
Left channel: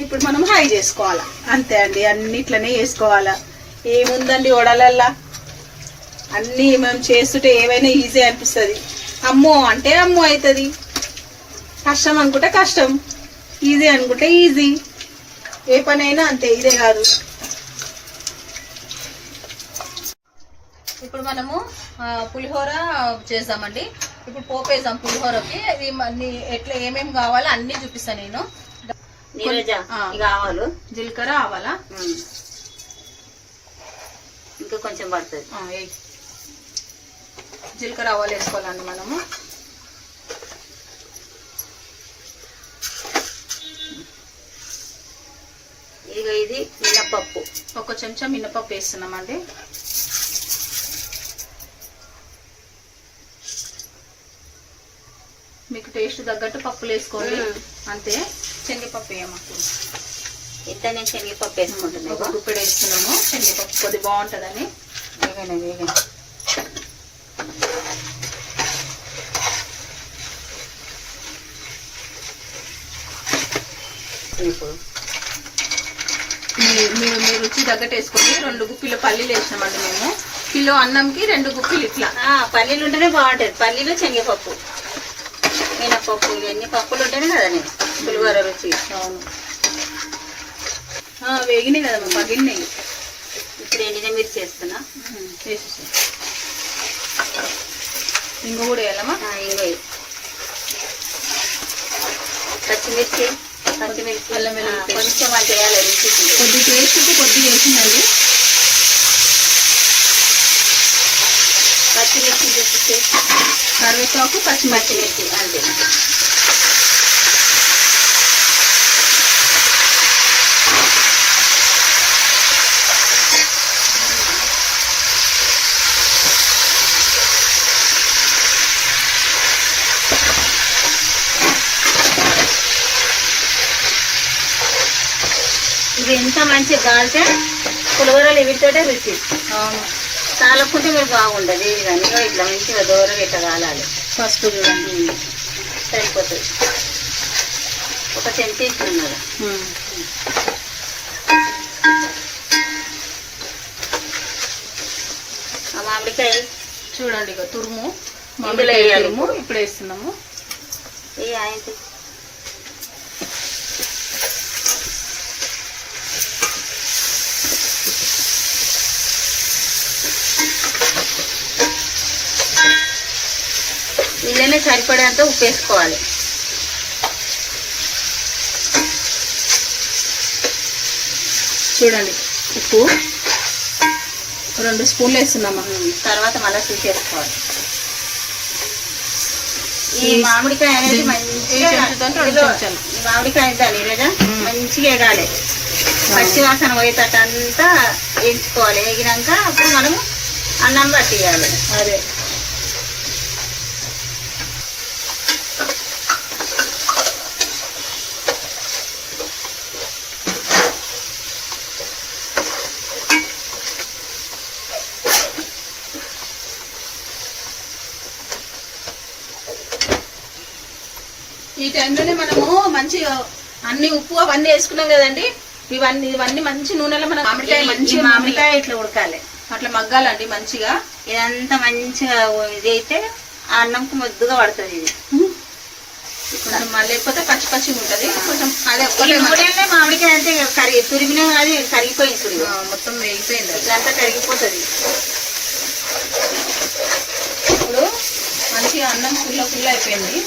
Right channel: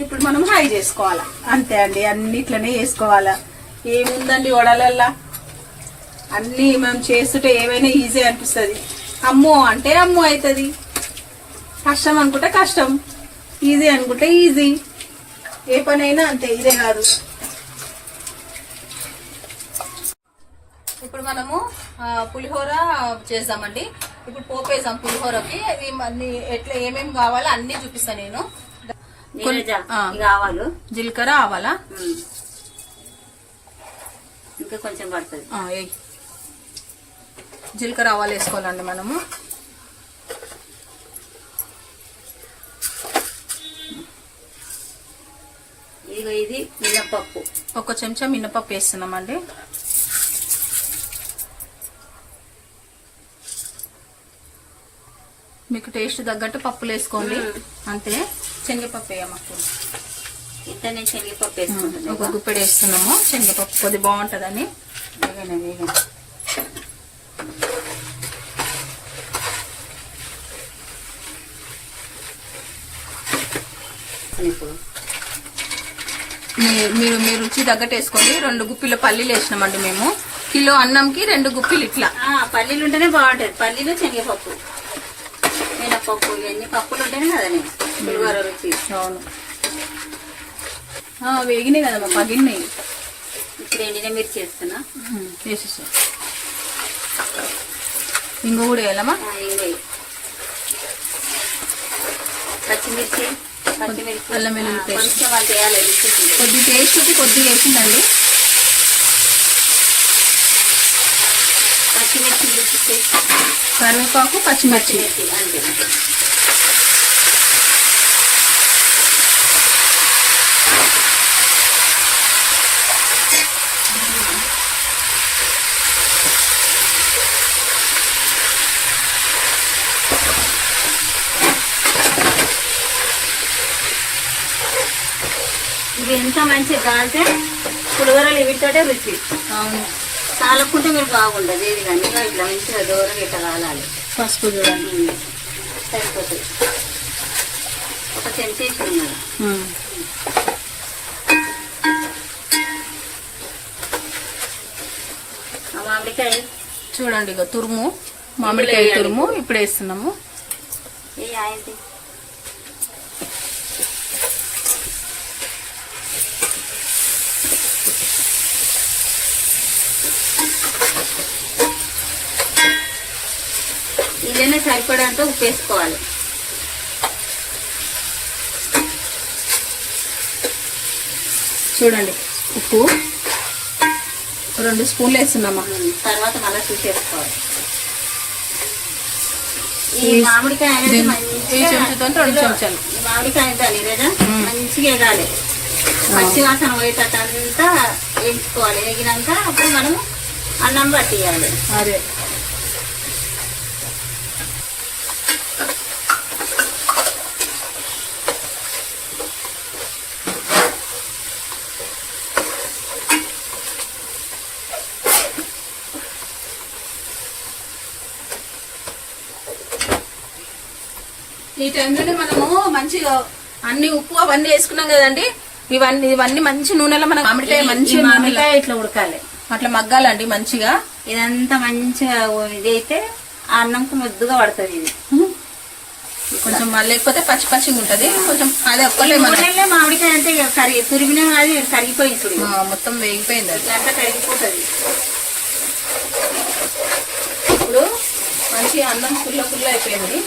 ఇప్పుడు మనం ఫ్రై చేసుకోవాలా, అంతే అండి. అన్నిట్లనే చేసుకోవాలా, ఏముందండి వడలల్లా. అన్నీ మనం చేస్తుంటే ఏవైనా ఈజీ అనిపిస్తుంది. అమ్మో అంటే అమ్మో అవుతుంది, కష్టం అనుకుంటే కష్టం, ఈజీ అనుకుంటే ఈజీ. ఏ పనైనా అంతే, ఇదే కాదు. ఇప్పుడు మనము పులిహోర చేద్దామండి. ఇప్పుడు పోపు వేసాం పులిహోరకి. ఇది అన్ని ఎట్లా ఏమేమి కావాలో అన్ని చూపిస్తాను నేను. ఆవాలు, జీలకర్ర, ఆవాలా, ఇంకా కొంచెం పడుతుంది. జీలకర్ర, ఆవాలు వేసుకోవాలండి మనము. ఇది మినపప్పు, 1 చెంచా మినపప్పు వేస్తున్నామండి. మీకు టేస్ట్ తగ్గట్టు పప్పులు వేసుకోండి, అంతే. శనగపప్పు వేయమాకు. ఇంత నేను శనగపప్పు వేసుకుంటున్నాను. 1 గుప్పెడు వేస్తున్నాము శనగపప్పు, కొద్ది బాగుంటుందని. ఇప్పుడు మీరు మీ రుచి తగ్గట్టు వేసుకోండి. 2 గుప్పిల పల్లీలు వేసినామండి మేము. కిలో అన్నంకి 2 గుప్పిలు ఇట్లా. పల్లీలు ఉంటేనే బాగుంటుంది. పల్లీలు, శనగపప్పు, మినపప్పు, ఇవన్నీ పప్పులు ఉంటేనే కదా నేను పులిహోర రుచి. అవును, వేగినాయి కదా, పగిలినాయి. ఇప్పుడు ఎండిన మిర్చి వేస్తున్నా. వేసేసి ఇంగు కూడా వేయాలమ్మా. ఇంగు, పచ్చిమిర్చి, అల్లం వెల్లుల్లి పేస్ట్ కొంచెం అంత వేయాలి. కొద్ది పేస్ట్ అయితే కొద్దిగా వేసిందండి. పచ్చిమిర్చి, కరివేపాకు, పచ్చిమిర్చి అంతే. ఇది ఎంత మంచిగా కాలితే పులిహోరలు వీటితోటే రుచి. అవును, కాలకుంటే మీరు బాగుండదు. ఇది కానీ ఇట్లా మంచిగా దూరం ఇట్లా కాలాలి. ఫస్ట్ చూడండి, సరిపోతుంది. 1 చెంచా ఇస్తున్నాను. మామిడికాయ చూడండి, ఇక తురుము, మామిడికాయ తురుము ఇప్పుడు వేస్తున్నాము. ఇదైనా సరిపడేంత ఉప్పు వేసుకోవాలి. చూడండి, ఉప్పు 2 స్పూన్లు వేస్తున్నాము. తర్వాత మళ్ళీ చూసేసుకోవాలి. ఈ మామిడికాయ అనేది మంచిగా మామిడికాయ లేదా మంచిగా ఎగాలి. పచ్చి వాసన పోయేటంతా వేయించుకోవాలి. వేగినాక అప్పుడు మనం అన్నం పట్టియాలి. అదే, ఈ టైంలోనే మనము మంచిగా అన్ని ఉప్పు అవన్నీ వేసుకున్నాం కదండి. ఇవన్నీ మంచి నూనెలో మనం మామిడికాయ ఇట్లా ఉడకాలి, అట్లా మగ్గాలండి మంచిగా. ఇదంతా మంచిగా ఇది అయితే ఆ అన్నంకు ముద్దుగా పడుతుంది. ఇది కొంచెం లేకపోతే పచ్చి పచ్చి ఉంటుంది కొంచెం. అదే మామిడికాయ అంటే తురిగిన అది కరిగిపోయింది. ఇప్పుడు మొత్తం వేగిపోయింది, అంతా కరిగిపోతుంది. ఇప్పుడు మంచిగా అన్నం పుల్ల అయిపోయింది.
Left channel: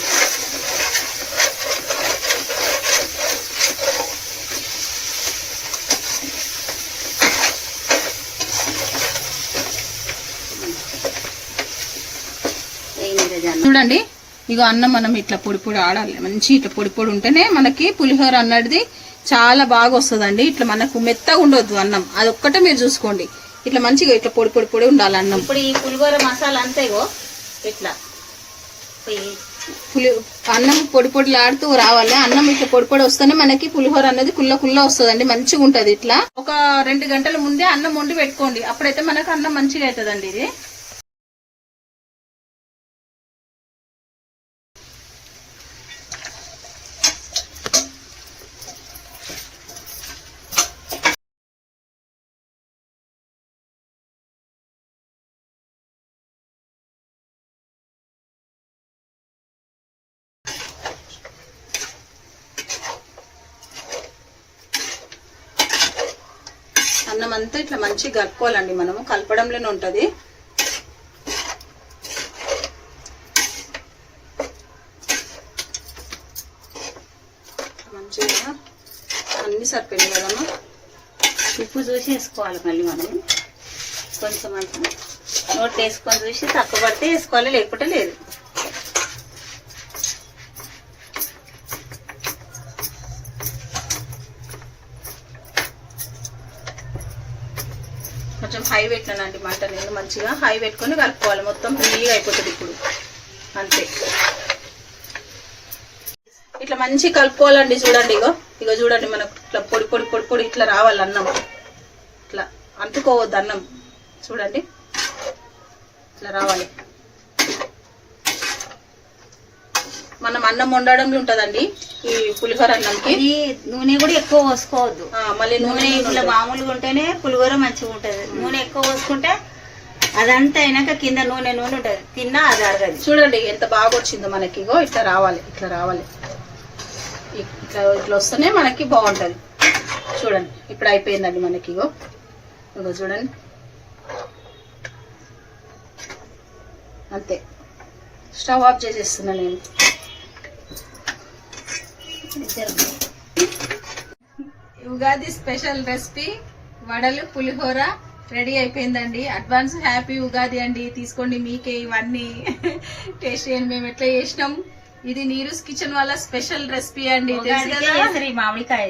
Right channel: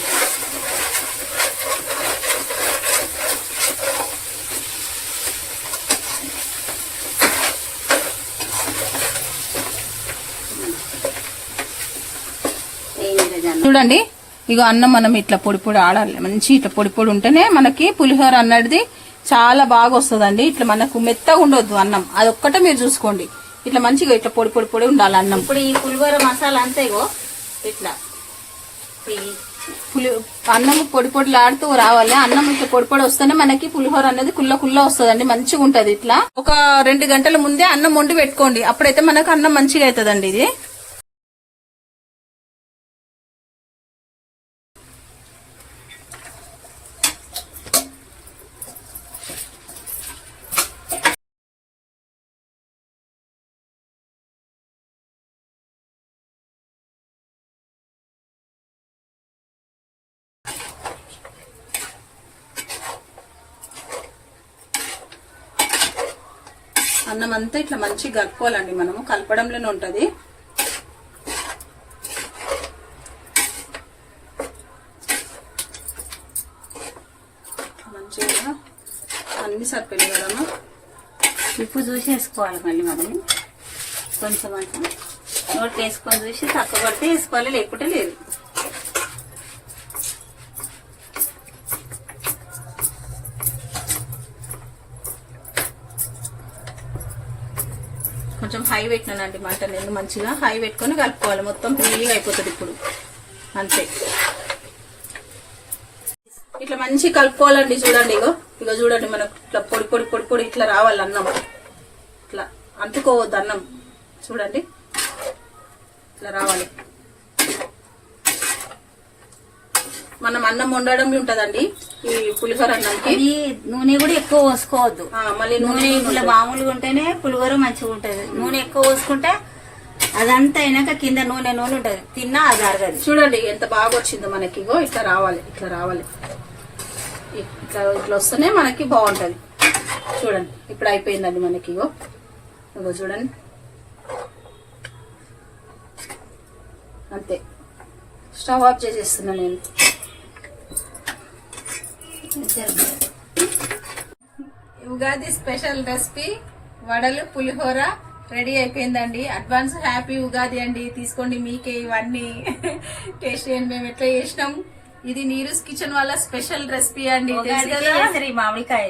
చూడండి, ఇక అన్నం మనం ఇట్లా పొడి పొడి ఆడాలి. మంచి ఇట్లా పొడి పొడి ఉంటేనే మనకి పులిహోర అన్నది చాలా బాగా వస్తుందండి. ఇట్లా మనకు మెత్తగా ఉండొద్దు అన్నం, అదొక్కటే మీరు చూసుకోండి. ఇట్లా మంచిగా ఇట్లా పొడి పొడి పొడి ఉండాలి అన్నం. ఇప్పుడు ఈ పులిహోర మసాలా అంతేగో ఇట్లా అన్నం పొడి పొడిలాడుతూ రావాలి. అన్నం ఇట్లా పొడి పొడి వస్తేనే మనకి పులిహోర అనేది కుల్ల వస్తుందండి, మంచిగా ఉంటది. ఇట్లా ఒక 2 గంటల ముందే అన్నం వండి పెట్టుకోండి, అప్పుడైతే మనకు అన్నం మంచిగా అవుతుందండి ఇది. అన్నం అంతా ఇట్లా మంచిగా కలుపుకోవాలండి. మనము కలపడంలోనే ఉంటుంది. మంచిగా అన్ని సరిపోయింది కదమ్మా. ఉప్పు చూసి వేసుకోవాలి మళ్ళీ మనం కొంచెం అంటే నోట్ వేసుకొని చూసి తక్కువ పడితే వేసుకోవాలి, లేకపోతే లేదు. కొంచెం హై పెట్టినానండి మంట నేను. మంచిగా హై పెట్టుకొని కలుపుకోవాలి. మొత్తం ఫ్రీగా అయిపోతుంది ఇప్పుడు అంతే. ఇట్లా మంచిగా కలుపుకోవాలండి. చూడండి ఇగో చూడండి, మనకు ఇట్లా పొడి పొడి పొడి పొడి ఇట్లా రావాలి అన్నం. ఇట్లా అంటుకోవద్దు అన్నం. చూడండి ఇట్లా రావాలి. మనం అన్నం వండడం ఉంటదండి ఈ పులిహోర అన్నంకి. నూనె కూడా ఎక్కువ పోసుకోవద్దు. మళ్ళీ నూనె ఇట్లా మామూలుగా ఉంటేనే పులిహోర మంచిగా ఉంటది. నూనె ఎక్కువ పోసుకుంటే అదంతా అయినాక కింద నూనె ఉంటది, తిన్నా అది అరగదు. చూడండి ఎంత బాగా వచ్చిందో మనకి. ఇగో ఇట్లా రావాలి, ఇట్లా రావాలి. ఇట్లా ఇట్లా వస్తేనే మనకి బాగుంటది. చూడండి ఇప్పుడు అయిపోయిందండి మనకి. ఇగో చూడండి అంతే. స్టవ్ ఆఫ్ చేసేస్తున్నా నేను. ఉగాది స్పెషల్ రెసిపీ వడలు పులిహోర రెడీ అయిపోయిందండి. అడ్వాన్స్ హ్యాపీ ఉగాది అండి. తీసుకోండి మీకే ఇవన్నీ టేస్ట్ చేయండి మేము ఎట్లా చేసినాం. ఇది నీరూస్ కిచెన్ వాళ్ళ స్పెషల్ రెసిపీ అండి. మామిడికాయ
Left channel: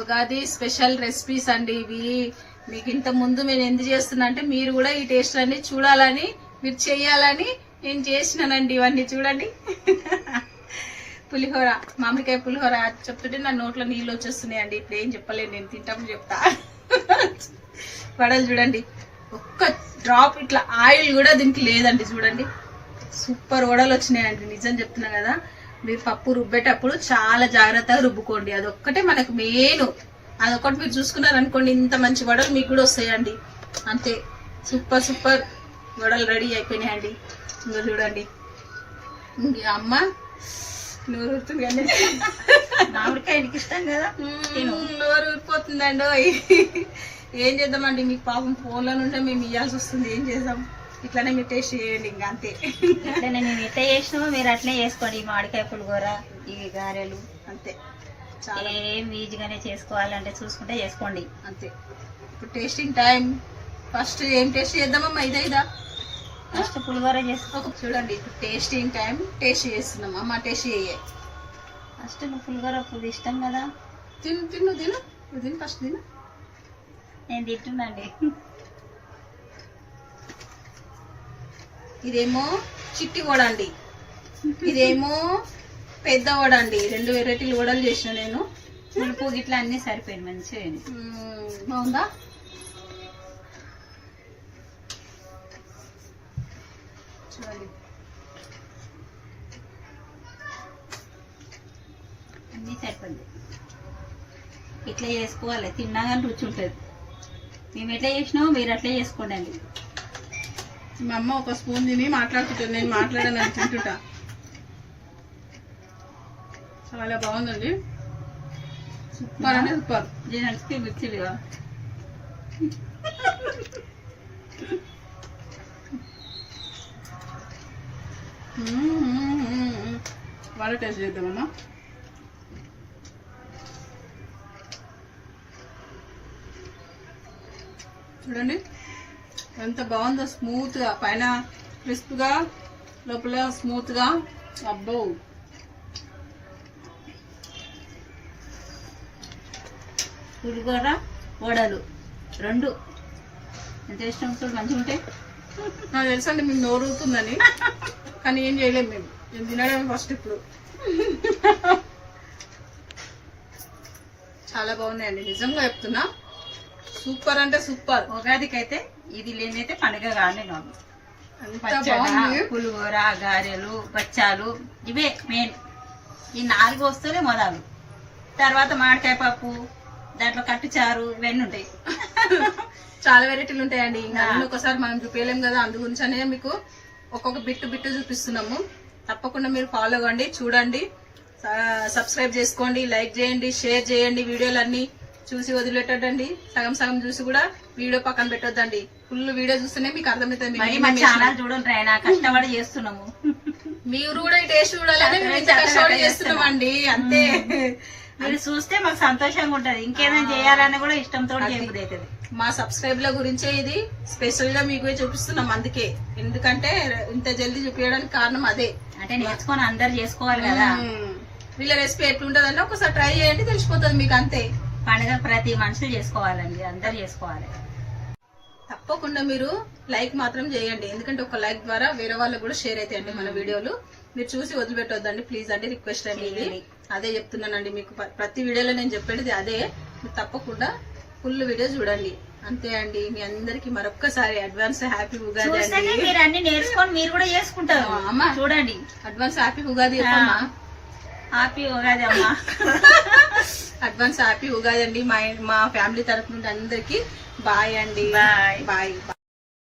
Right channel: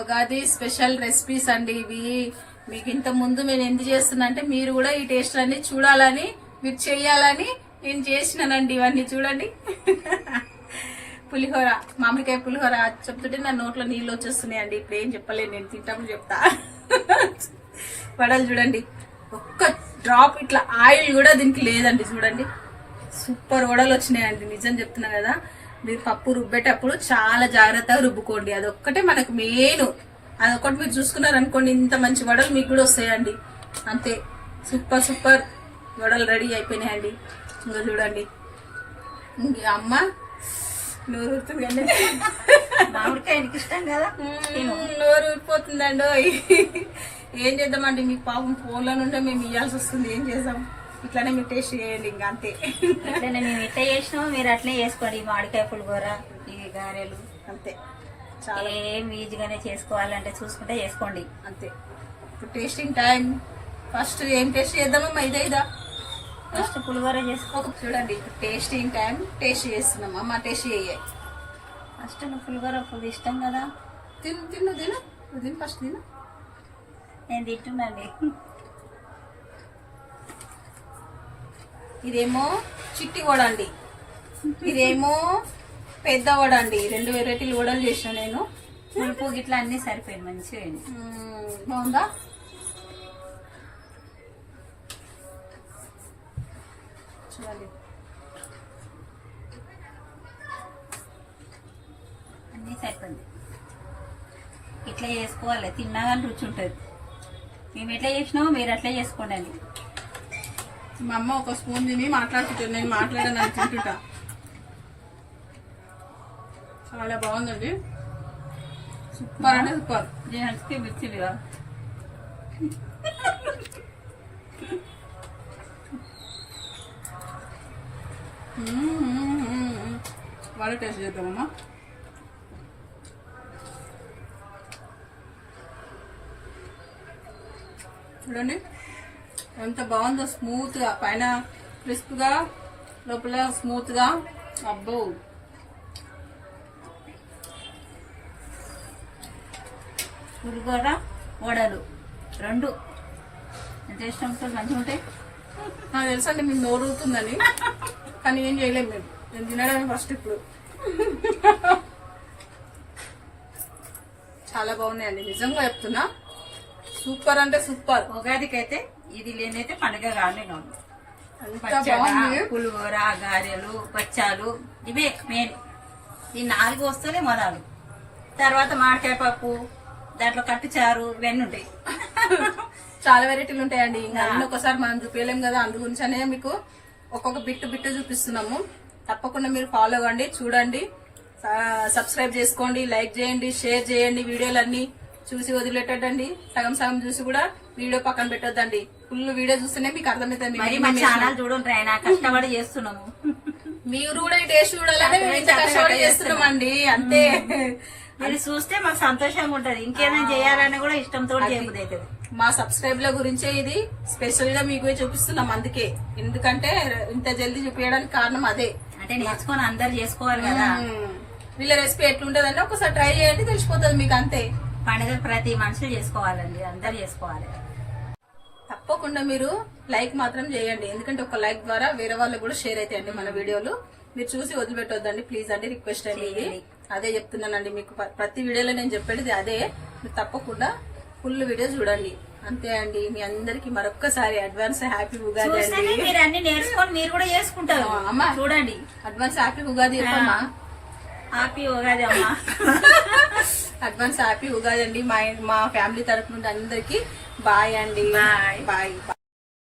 ఉగాది స్పెషల్ రెసిపీస్ అండి ఇవి. మీకు ఇంత ముందు నేను ఎందుకు చేస్తున్నా అంటే మీరు కూడా ఈ టేస్ట్ అన్ని చూడాలని, మీరు చెయ్యాలని నేను చేసినానండి ఇవన్నీ. చూడండి పులిహోర, మామిడికాయ పులిహోర చెప్తుంటే నా నోట్లో నీళ్ళు వచ్చేస్తున్నాయండి. ఇప్పుడు ఏం చెప్పలేదు నేను, తింటాము చెప్తా. వడలు చూడండి, ఒక్క డ్రాప్ ఇట్లా ఆయిల్ కూడా దీనికి లేదండి. చూడండి సూపర్ వడలు వచ్చినాయండి. నిజం చెప్తున్నా కదా. మీరు పప్పు రుబ్బేటప్పుడు చాలా జాగ్రత్తగా రుబ్బుకోండి. అదొక్కటే మనకు మెయిన్. అదొక్కటి మీరు చూసుకున్నారనుకోండి ఇంత మంచి వడలు మీకు కూడా వస్తాయండి. అంతే. సూపర్ సూపర్ వడలు రెడీ అయిపోయినాయండి. ఇంకా చూడండి ఇంక అమ్మ నోరు ఊరుతుంది కండి. మామిడికాయకి ఇష్టం కదా, నోరు ఊరిపోతుందండి. ఏం చేద్దామండి, మీకు పాపం ఫోన్లో నుండే మేము ఇవ్వాల్సి వస్తుంది. ఏం చేద్దాం, ఇట్లానే మీరు టేస్ట్ చేయండి. ఇంకా అంతే. అట్లనే మేము ఎట్లా చేసినామో మీరు అట్లే చేసుకోండి. మామిడికాయ పులిహోర, ఇవి గారెలు అంతే. ఏం ఈజీగానే చేసుకోవాలంటే చూసుకుంటే చేసుకోండి అంతే. ఇప్పుడు టేస్టింగ్ టైం. ఫస్ట్ ఏం టేస్ట్ చేద్దామమ్మా? ఇదా ఫస్ట్ పులిహోర చేసుకో. చూడండి ఇప్పుడు టేస్టింగ్ టైం. టేస్ట్ చేస్తున్నామా? మా టేస్ట్ చేయాలి. ఫస్ట్ నువ్వు పులిహోర ఫుల్ ఇష్టం కదా. తిను ఫస్ట్ తిను. నేను తింటున్నాండి. ఇదేమో చిట్టి వడ అండి, ఇదేమో పెద్ద వడ అండి. 2 వెరైటీలు వడలు చేసిన నేను. పులుపు గిట్లా అన్ని సరిపోయింది మంచిగా. బాగుందా? చూడండి అన్నీ సరిపోయింది. ఇట్లా చేసుకోవాలి, తిన్నా కానీ రుచి ఉంటుంది. మేము ఎట్లా చేసినామో మీరు అట్లా చేసుకోండి అండి. మా అమ్మ ఒక స్పూన్ తిని మాట్లాడుతుంటాను, నేను మాట్లాడాను అని తింటుంటా. చాలా బాగుందండి. సూపర్ అంటే సూపర్. జెంట్స్కి మిర్చిలుగా వడ టేస్ట్ చేద్దామమ్మా. చూడండి ఎంత బాగుందో. స్మూత్గా, పైన క్రిస్ప్గా, లోపల స్మూత్గా. అబ్బో పులిహోర వడలు 2 ఎంత ఇష్టం మంచిగా ఉంటాయి. నాకు తెలుసండి మీకు నోరు ఊరుతుందని, కానీ ఏం చేయలేము మేము. నేను తినడమే ఫస్ట్. ఇప్పుడు చాలా బాగున్నాయండి, నిజంగా చెప్తున్నా. సూపర్ అంటే సూపర్. ఉగాదికి అయితే ఇది లేనైతే పండుగ కానీ కాదు. పులిహోర, గారెలు, బచ్చాలు ఇవే మెయిన్. ఈ 4 వస్తేనే మొదలు. తర్వాత మామిడికాయ పప్పు, దాంట్లో కట్టుచారు, ఇవన్నీ ఉంటాయి. చాలా వెరైటీలు ఉంటాయండి. ఇంకా అన్ని ఒకసారి మనం చూపించలేం కదా. అందు గురించనే మీకు ఒక్కొక్క బిట్టు చూపిస్తున్నాము. తప్పకుండా మీరు ఫాలో అవ్వండి, చూడండి, సబ్స్క్రైబ్ చేసుకోండి, లైక్ చేయండి, షేర్ చేయండి వీడియోలన్నీ. చూసి వదిలేటండి, సగం సగం చూసి కూడా వీడియో పక్కన పెట్టొద్దండి. ఫుల్ వీడియో చూస్తేనే మీకు అర్థమవుతుంది. మరి మా ఛానల్ చూడండి, ఆయన కష్టపడి చేస్తున్నాము. మీరు కూడా ఈ టేస్ట్ చూడాలంటే మేము ఇంత కష్టపడి చేస్తున్నామండి, అంతే. మీరు చూస్తే మాకు సంతోషంగా ఉంటది, ఇంకేదైనా చేయాలని కూడా ఇష్టంతో చేయబుద్ధి అవుతుంది. మా సబ్స్క్రైబ్ల గురించే ఇది స్పెషల్ గా మీకు చూపిస్తున్నాం. అందుకే, ఎందుకంటే ఇంత జల్దీ చూపించడానికి కారణం అదే. అంటే నేర్చుకొని అందరు చేసుకోవాలి కదా. వీళ్ళ రెసిపీ ఎట్లుంటదంటే ఒకసారి ట్రై చేయండి, తెలిసిపోతుంది మీకు, అంతే. పండుగ ప్రతి మనుషులు చేసుకోవాలండి, అందరు చేసుకోవాలి. తప్పకుండా మీరు లైక్ మాత్రం చేయండి, ఎందుకంటే ఒక లైక్ ద్వారా వేరే వాళ్ళకి కూడా షేర్ అవుతాయండి మన వీడియోలు. మీరు చూసి వదిలిపెట్టొద్దండి ప్లీజ్ అండి, రిక్వెస్ట్ అండి ఇది. అదే చెప్తున్నానండి మీకు, ప్రతి వీడియోలో నేను చెప్పేది అదే. మీరు తప్పకుండా ఫుల్ వీడియో చూడండి, అంతే అండి. మీ అందరికి మరొక్కసారి అడ్వాన్స్ హ్యాపీ ఉగాది అండి. మీరు అన్ని నేర్చుకొని మీరు కూడా చేసుకుంటారు అమ్మా. చూడండి, అడ్వాన్స్ హ్యాపీ ఉగాది చెప్పమ్మా. హ్యాపీ ఉగాది అమ్మా. అడ్వాన్స్ హ్యాపీ ఉగాది అండి. మా ఫ్యామిలీ తరఫు నుండి అందరికి బాయ్ అండి. బాయ్. బాయ్.